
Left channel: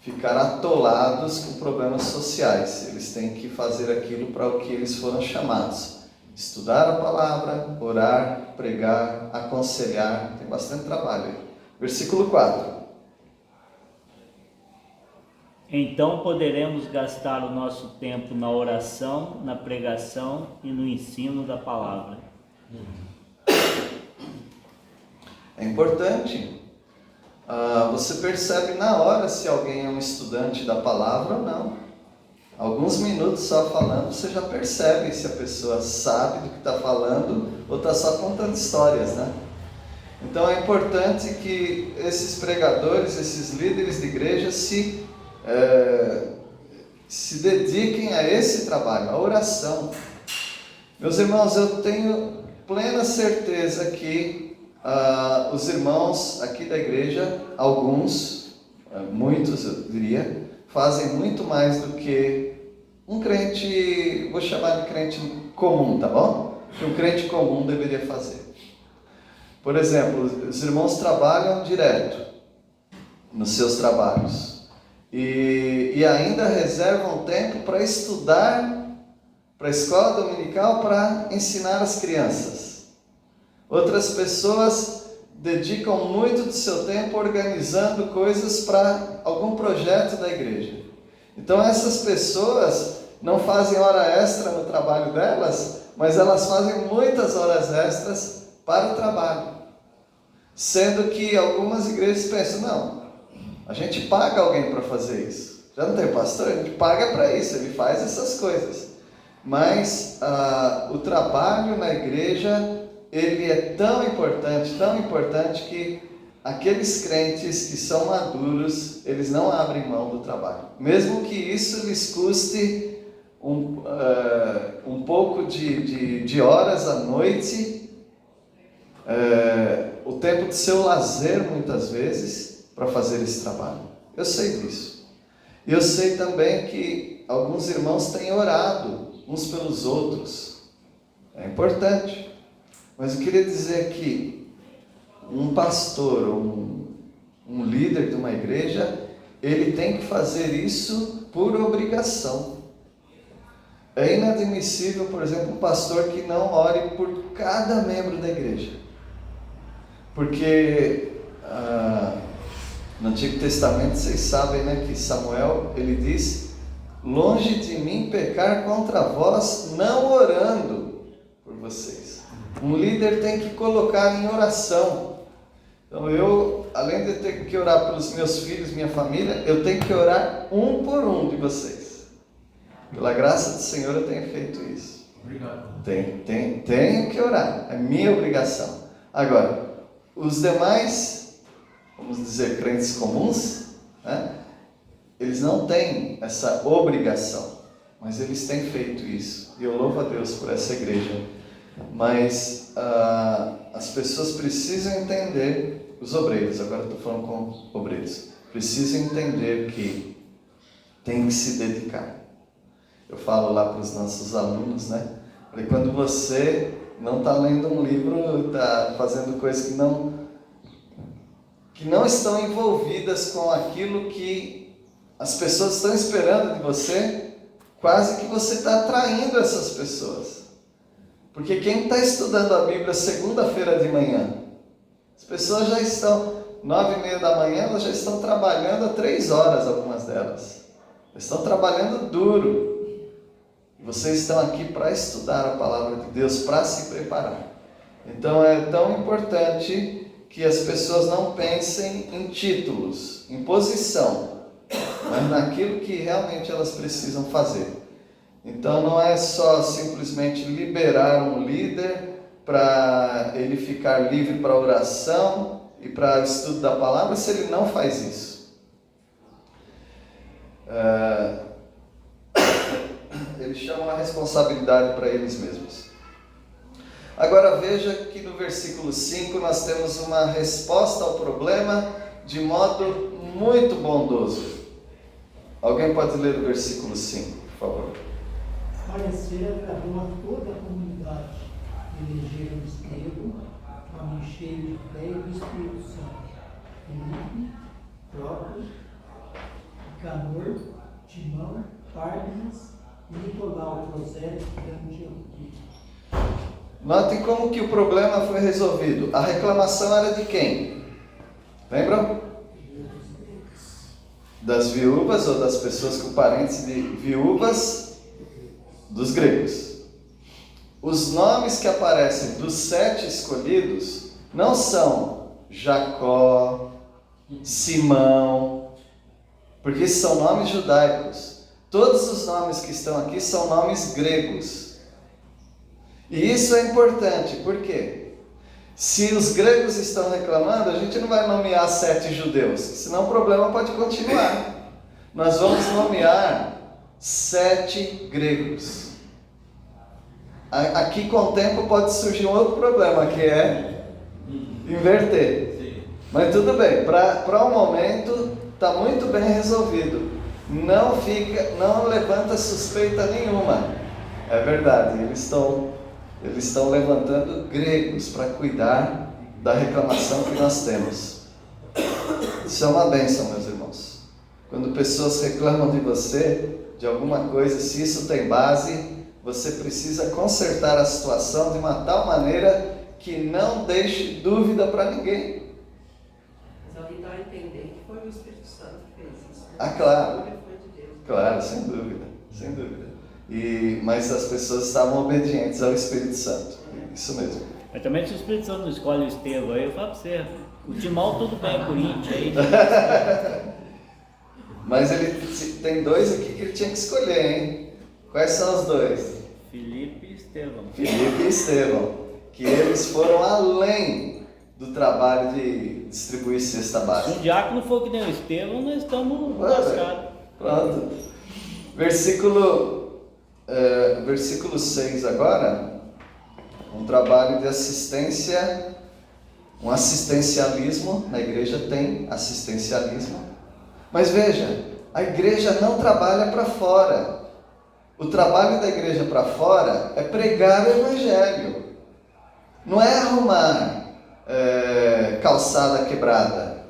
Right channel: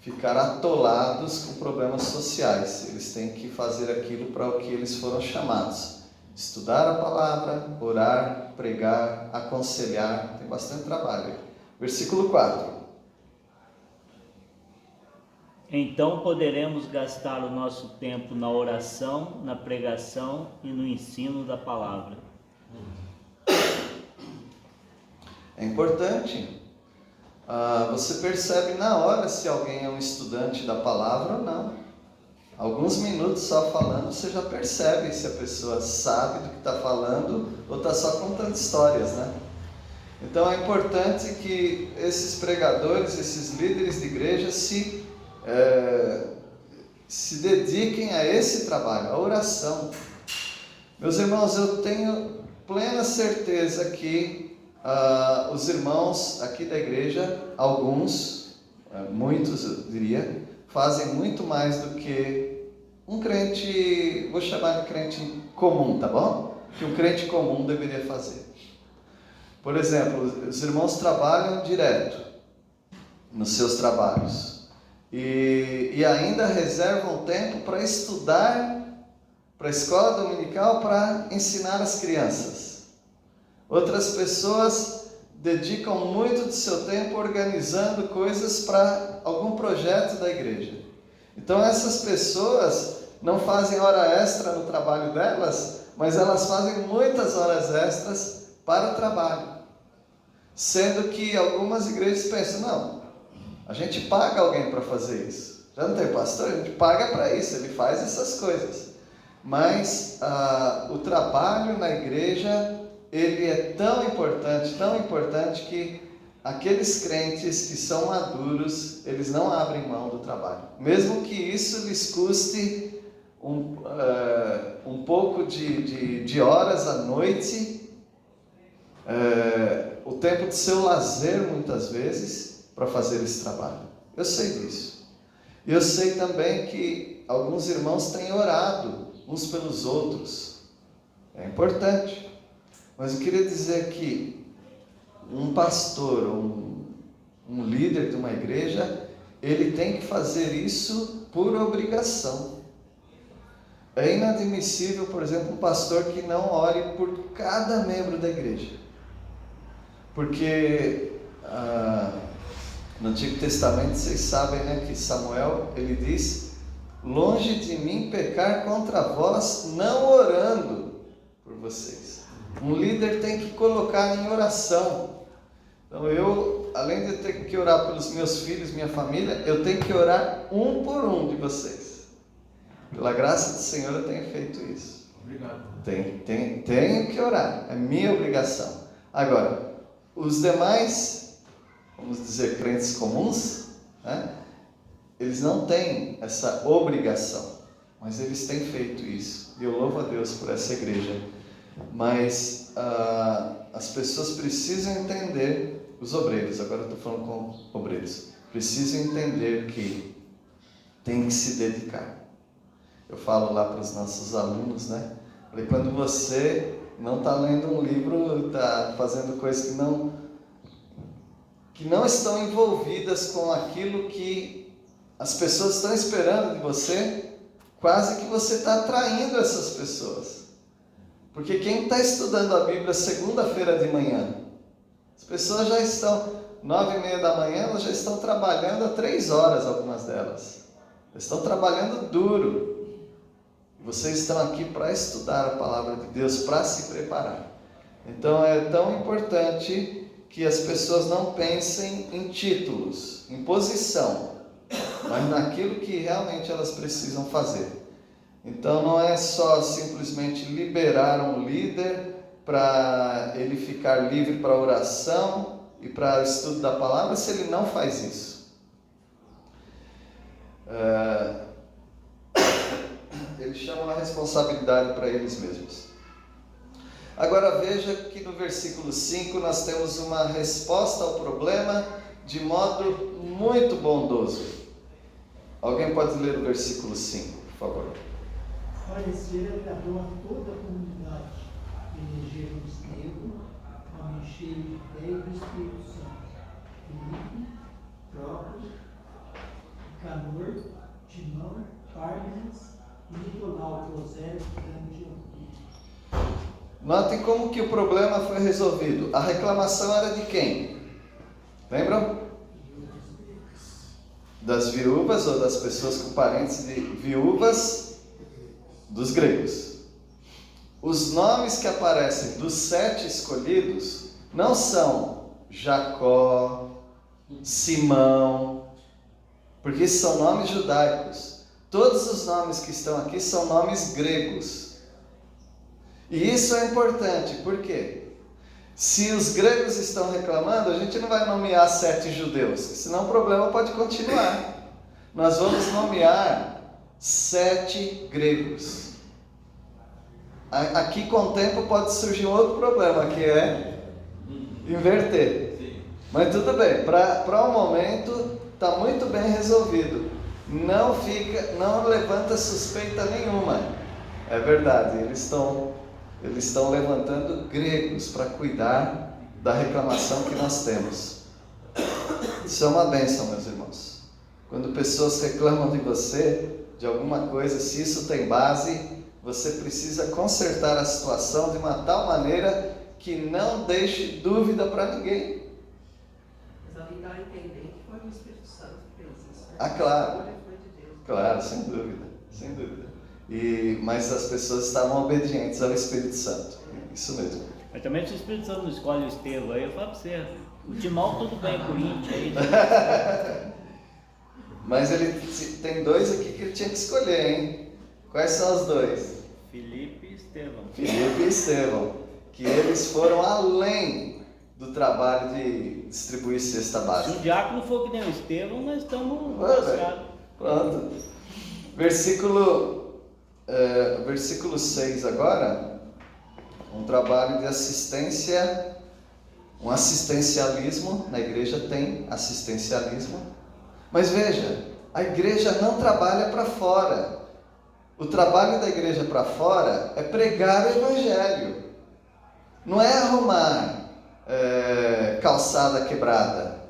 ficar atolados com problemas sociais, eles têm que fazer aquilo para o que eles foram chamados. Estudar a palavra, orar, pregar, aconselhar, tem bastante trabalho aí. Versículo 4. Então poderemos gastar o nosso tempo na oração, na pregação e no ensino da palavra. É importante. Você percebe na hora se alguém é um estudante da palavra ou não. Alguns minutos só falando, você já percebe se a pessoa sabe do que está falando ou está só contando histórias, né? Então é importante que esses pregadores, esses líderes de igreja se dediquem a esse trabalho, a oração. Meus irmãos, eu tenho plena certeza que os irmãos aqui da igreja, alguns, muitos eu diria, fazem muito mais do que um crente, vou chamar de crente comum, tá bom? Que um crente comum deveria fazer. Por exemplo, os irmãos trabalham direto nos seus trabalhos e ainda reservam tempo para estudar para a escola dominical, para ensinar as crianças. Outras pessoas dedicam muito do seu tempo organizando coisas para algum projeto da igreja. Então essas pessoas não fazem hora extra no trabalho delas, mas elas fazem muitas horas extras para o trabalho. Sendo que algumas igrejas pensam, não, a gente paga alguém para fazer isso. Já não tem pastor? A gente paga para isso, ele faz essas coisas. Mas o trabalho na igreja, ele é tão importante que aqueles crentes que são maduros, eles não abrem mão do trabalho. Mesmo que isso lhes custe um pouco de horas à noite, o tempo do seu lazer, muitas vezes, para fazer esse trabalho. Eu sei disso. E eu sei também que alguns irmãos têm orado uns pelos outros. É importante. Mas eu queria dizer que um pastor, um líder de uma igreja, ele tem que fazer isso por obrigação. É inadmissível, por exemplo, um pastor que não ore por cada membro da igreja. Porque no Antigo Testamento, vocês sabem, né, que Samuel, ele diz: longe de mim pecar contra vós, não orando por vocês. Um líder tem que colocar em oração. Então eu, além de ter que orar pelos meus filhos, minha família, eu tenho que orar um por um de vocês. Pela graça do Senhor eu tenho feito isso. Obrigado. Tenho que orar, é minha obrigação. Agora, os demais, vamos dizer, crentes comuns, né, eles não têm essa obrigação, mas eles têm feito isso. E eu louvo a Deus por essa igreja. Mas as pessoas precisam entender, os obreiros, agora eu estou falando com obreiros, precisam entender que tem que se dedicar. Eu falo lá para os nossos alunos, né? Quando você não está lendo um livro, está fazendo coisas que não estão envolvidas com aquilo que as pessoas estão esperando de você, quase que você está atraindo essas pessoas. Porque quem está estudando a Bíblia segunda-feira de manhã, as pessoas já estão, 9h30 da manhã, elas já estão trabalhando há 3 horas, algumas delas. Estão trabalhando duro. Vocês estão aqui para estudar a palavra de Deus, para se preparar. Então é tão importante que as pessoas não pensem em títulos, em posição, mas naquilo que realmente elas precisam fazer. Então não é só simplesmente liberar um líder para ele ficar livre para oração e para o estudo da palavra, se ele não faz isso. Eles chamam a responsabilidade para eles mesmos. Agora veja que no versículo 5 nós temos uma resposta ao problema de modo muito bondoso. Alguém pode ler o versículo 5, por favor? Pareceram a toda a comunidade, elegeram Estevão, homem cheio de fé e do Espírito Santo, Filipe, Próprio, Nicanor, Timão, Pármenas e Nicolau, prosélito da Antioquia. Notem como que o problema foi resolvido. A reclamação era de quem? Lembram? Das viúvas ou das pessoas com parentes de viúvas dos gregos. Os nomes que aparecem dos 7 escolhidos não são Jacó, Simão, porque esses são nomes judaicos. Todos os nomes que estão aqui são nomes gregos. E isso é importante, por quê? Se os gregos estão reclamando, a gente não vai nomear 7 judeus, senão o problema pode continuar. Nós vamos nomear 7 gregos. Aqui com o tempo pode surgir um outro problema, que é inverter. Mas tudo bem, para o momento está muito bem resolvido. Não levanta suspeita nenhuma. É verdade, eles estão levantando gregos para cuidar da reclamação que nós temos. Isso é uma bênção, meus irmãos. Quando pessoas reclamam de você, de alguma coisa, se isso tem base, você precisa consertar a situação de uma tal maneira que não deixe dúvida para ninguém. Mas alguém dá a entender que foi o Espírito Santo que fez isso. Né? Ah, claro. A escolha foi de Deus. Claro, sem dúvida, sem dúvida. Mas as pessoas estavam obedientes ao Espírito Santo, isso mesmo. Mas também se o Espírito Santo não escolhe o Estevão aí, eu falo para você, o Timão tudo bem, Corinthians aí. Mas ele tem 2 aqui que ele tinha que escolher, hein? Quais são os 2? Filipe e Estevão. Filipe e Estevão, que eles foram além do trabalho de distribuir cesta Se básica. um diácono for que nem o Estevão, nós estamos lascados. Pronto. Versículo 6 agora, um trabalho de assistência, um assistencialismo. Na igreja tem assistencialismo, mas veja, a igreja não trabalha para fora. O trabalho da igreja para fora é pregar o evangelho, não é arrumar calçada quebrada.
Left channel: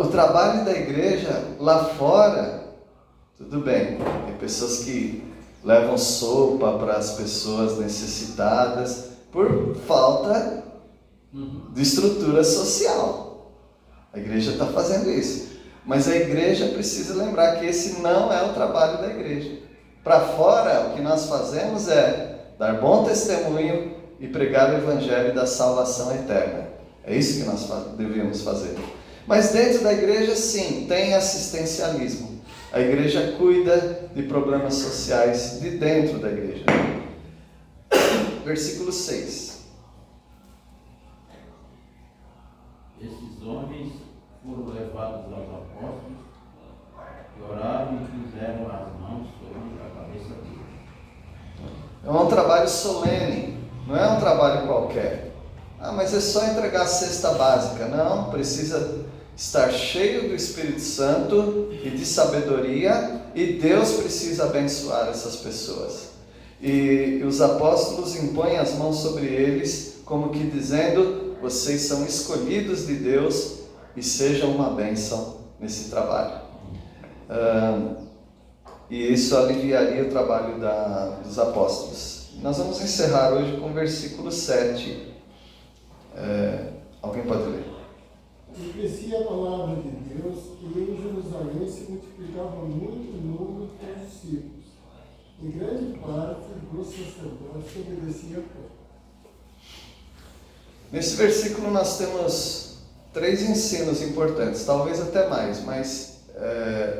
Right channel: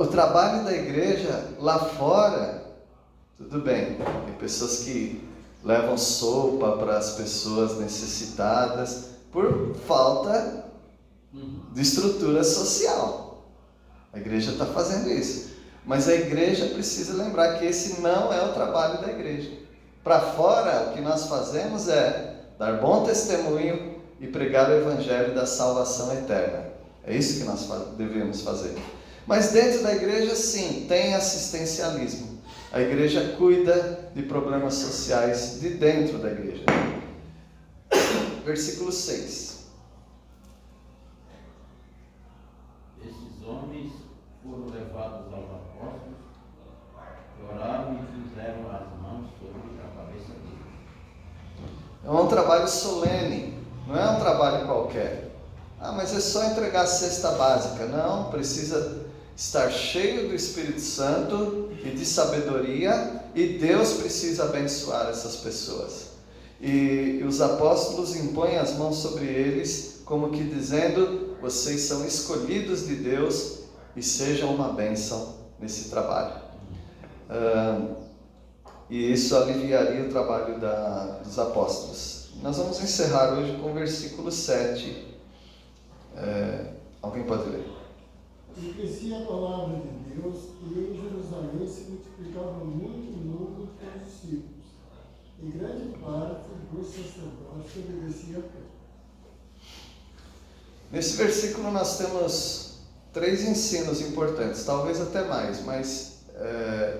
O trabalho da igreja lá fora, tudo bem, tem pessoas que levam sopa para as pessoas necessitadas por falta de estrutura social. A igreja está fazendo isso. Mas a igreja precisa lembrar que esse não é o trabalho da igreja. Para fora, o que nós fazemos é dar bom testemunho e pregar o evangelho da salvação eterna. É isso que nós devemos fazer. Mas dentro da igreja, sim, tem assistencialismo. A igreja cuida de problemas sociais de dentro da igreja. Versículo 6. Esses homens foram levados aos apóstolos, que oraram e puseram as mãos sobre a cabeça deles. É um trabalho solene, não é um trabalho qualquer. Mas é só entregar a cesta básica. Não, precisa estar cheio do Espírito Santo e de sabedoria, e Deus precisa abençoar essas pessoas. E os apóstolos impõem as mãos sobre eles, como que dizendo: vocês são escolhidos de Deus e sejam uma bênção nesse trabalho. E isso aliviaria o trabalho dos apóstolos. Nós vamos encerrar hoje com o versículo 7. Alguém pode ler? E crescia a palavra de Deus, e em Jerusalém se multiplicava muito o número dos discípulos, e grande parte dos sacerdotes obedecia a Deus. Nesse versículo nós temos 3 ensinos importantes, talvez até mais, mas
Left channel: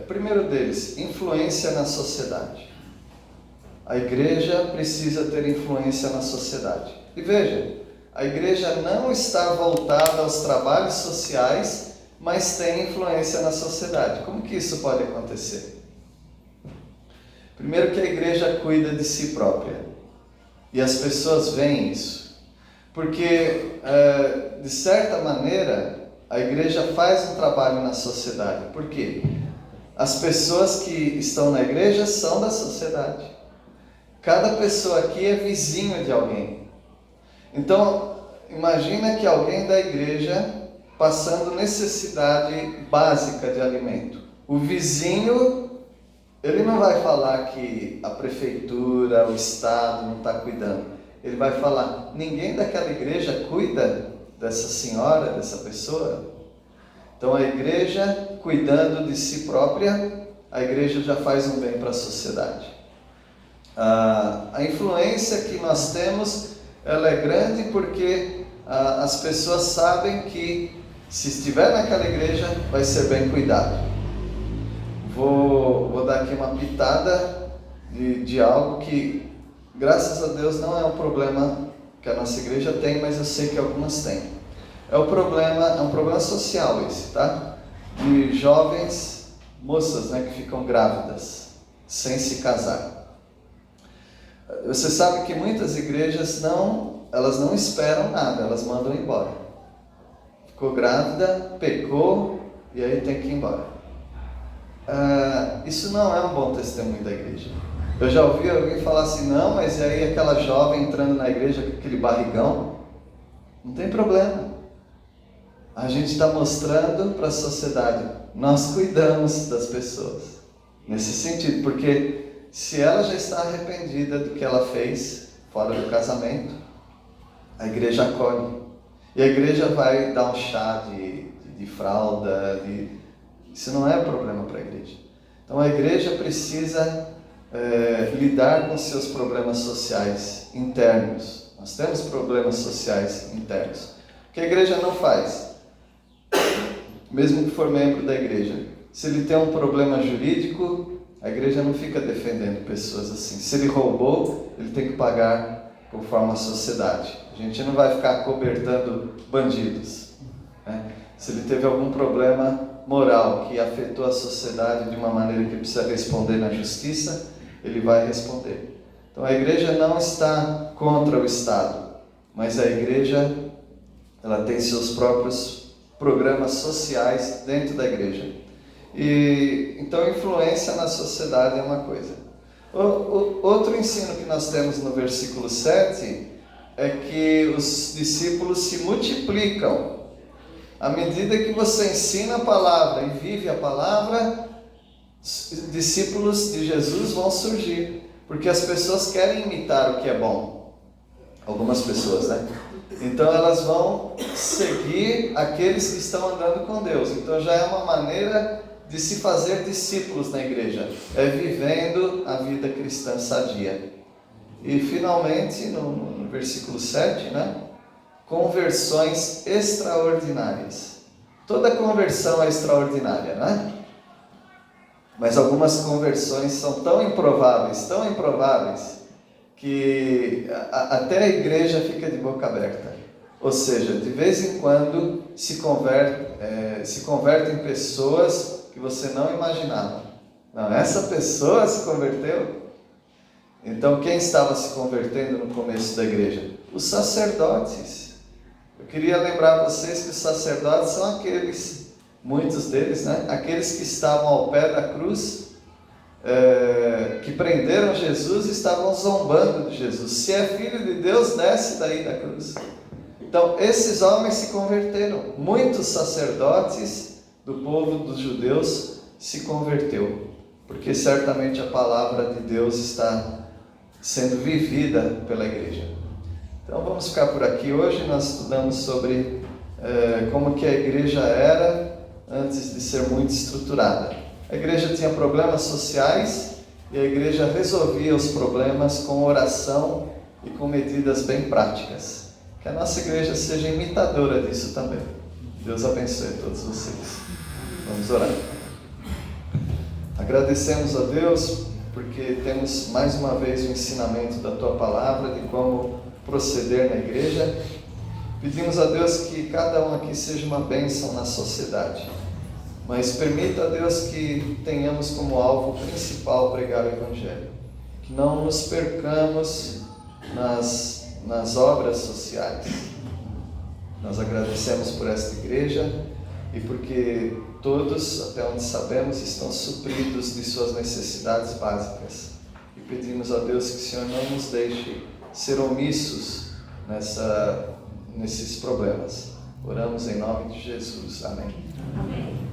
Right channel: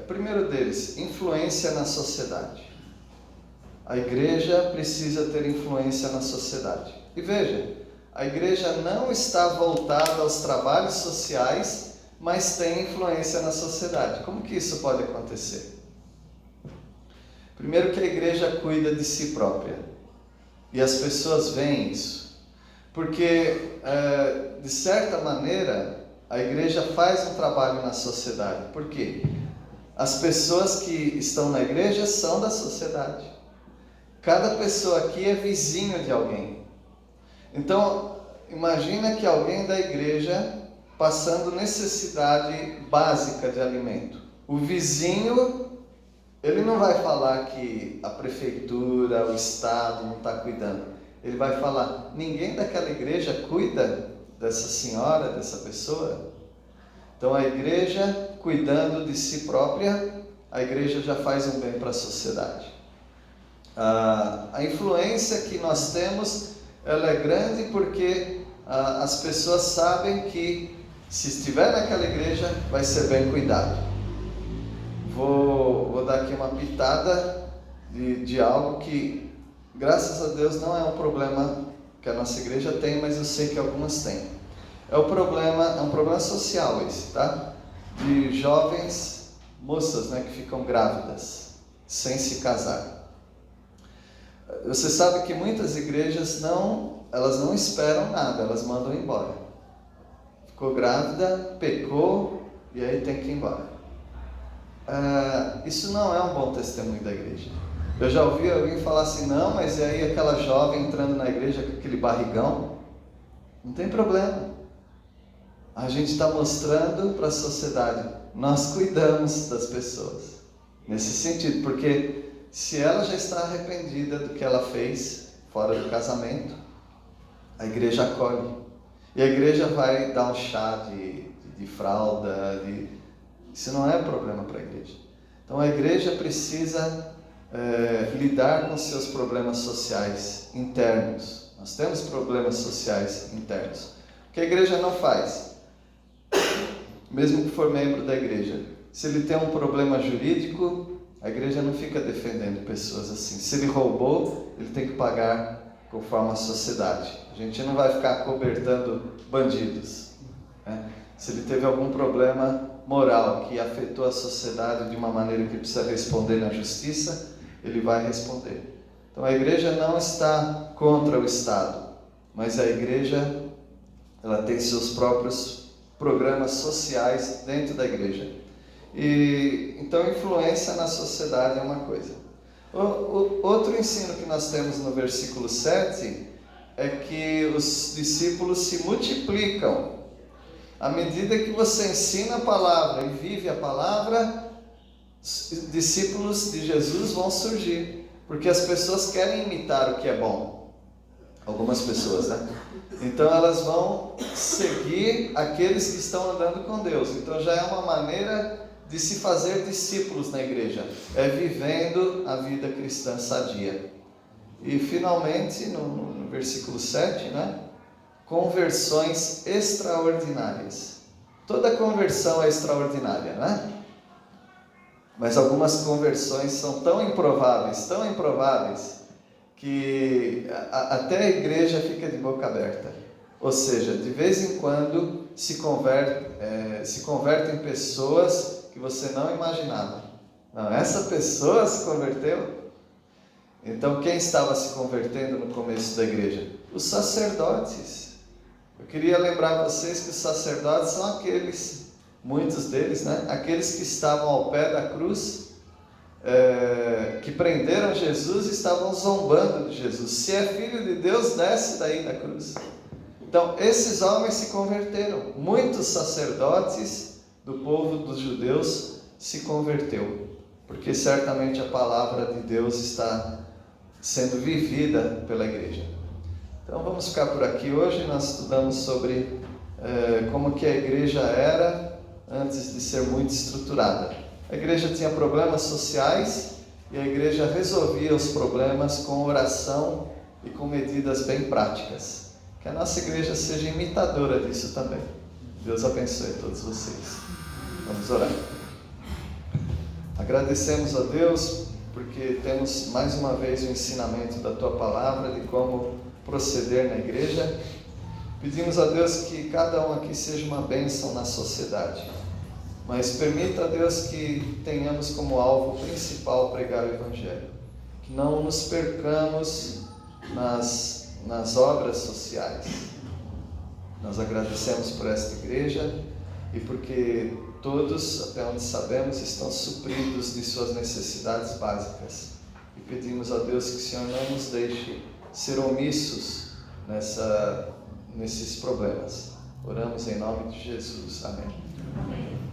primeiro deles, influência na sociedade. A igreja precisa ter influência na sociedade. E veja, a igreja não está voltada aos trabalhos sociais, mas tem influência na sociedade. Como que isso pode acontecer? Primeiro que a igreja cuida de si própria. E as pessoas veem isso. Porque, de certa maneira, a igreja faz um trabalho na sociedade. Por quê? As pessoas que estão na igreja são da sociedade. Cada pessoa aqui é vizinho de alguém. Então, imagina que alguém da igreja passando necessidade básica de alimento. O vizinho, ele não vai falar que a prefeitura, o Estado não está cuidando. Ele vai falar: ninguém daquela igreja cuida dessa senhora, dessa pessoa. Então, a igreja, cuidando de si própria, a igreja já faz um bem para a sociedade. A influência que nós temos, ela é grande porque as pessoas sabem que se estiver naquela igreja vai ser bem cuidado. Vou dar aqui uma pitada de algo que, graças a Deus, não é um problema que a nossa igreja tem, mas eu sei que algumas têm. É um problema social esse, tá? De jovens moças, né, que ficam grávidas sem se casar. Você sabe que muitas igrejas elas não esperam nada, elas mandam embora. Ficou grávida, pecou, e aí tem que ir embora. Isso não é um bom testemunho da igreja. Eu já ouvi alguém falar assim: não, mas e aí aquela jovem entrando na igreja com aquele barrigão? Não tem problema. A gente está mostrando para a sociedade, nós cuidamos das pessoas. Nesse sentido, porque se ela já está arrependida do que ela fez fora do casamento, a igreja acolhe. E a igreja vai dar um chá de fralda. Isso não é problema para a igreja. Então a igreja precisa lidar com seus problemas sociais internos. Nós temos problemas sociais internos. O que a igreja não faz? Mesmo que for membro da igreja, se ele tem um problema jurídico, a igreja não fica defendendo pessoas assim. Se ele roubou, ele tem que pagar conforme a sociedade. A gente não vai ficar cobertando bandidos, né? Se ele teve algum problema moral que afetou a sociedade de uma maneira que precisa responder na justiça, ele vai responder. Então a igreja não está contra o Estado, mas a igreja, ela tem seus próprios programas sociais dentro da igreja. E então influência na sociedade é uma coisa. Outro ensino que nós temos no versículo 7 é que os discípulos se multiplicam. À medida que você ensina a palavra e vive a palavra, os discípulos de Jesus vão surgir, porque as pessoas querem imitar o que é bom. Algumas pessoas, né? Então elas vão seguir aqueles que estão andando com Deus. Então já é uma maneira de se fazer discípulos na igreja, é vivendo a vida cristã sadia. E finalmente, no versículo 7, né? Conversões extraordinárias. Toda conversão é extraordinária, né? Mas algumas conversões são tão improváveis, que até a igreja fica de boca aberta. Ou seja, de vez em quando se convertem pessoas que você não imaginava. Não, essa pessoa se converteu. Então, quem estava se convertendo no começo da igreja? Os sacerdotes. Eu queria lembrar vocês que os sacerdotes são aqueles, muitos deles, né? Aqueles que estavam ao pé da cruz, que prenderam Jesus e estavam zombando de Jesus. Se é filho de Deus, desce daí da cruz. Então, esses homens se converteram. Muitos sacerdotes do povo dos judeus se converteu, porque certamente a palavra de Deus está sendo vivida pela igreja. Então vamos ficar por aqui. Hoje nós estudamos sobre como que a igreja era antes de ser muito estruturada. A igreja tinha problemas sociais e a igreja resolvia os problemas com oração e com medidas bem práticas. Que a nossa igreja seja imitadora disso também. Deus abençoe a todos vocês. Vamos orar. Agradecemos a Deus porque temos mais uma vez o ensinamento da Tua Palavra de como proceder na igreja. Pedimos a Deus que cada um aqui seja uma bênção na sociedade, mas permita a Deus que tenhamos como alvo principal pregar o Evangelho, que não nos percamos nas obras sociais. Nós agradecemos por esta igreja e porque todos, até onde sabemos, estão supridos de suas necessidades básicas. E pedimos a Deus que o Senhor não nos deixe ser omissos nesses problemas. Oramos em nome de Jesus. Amém. Amém.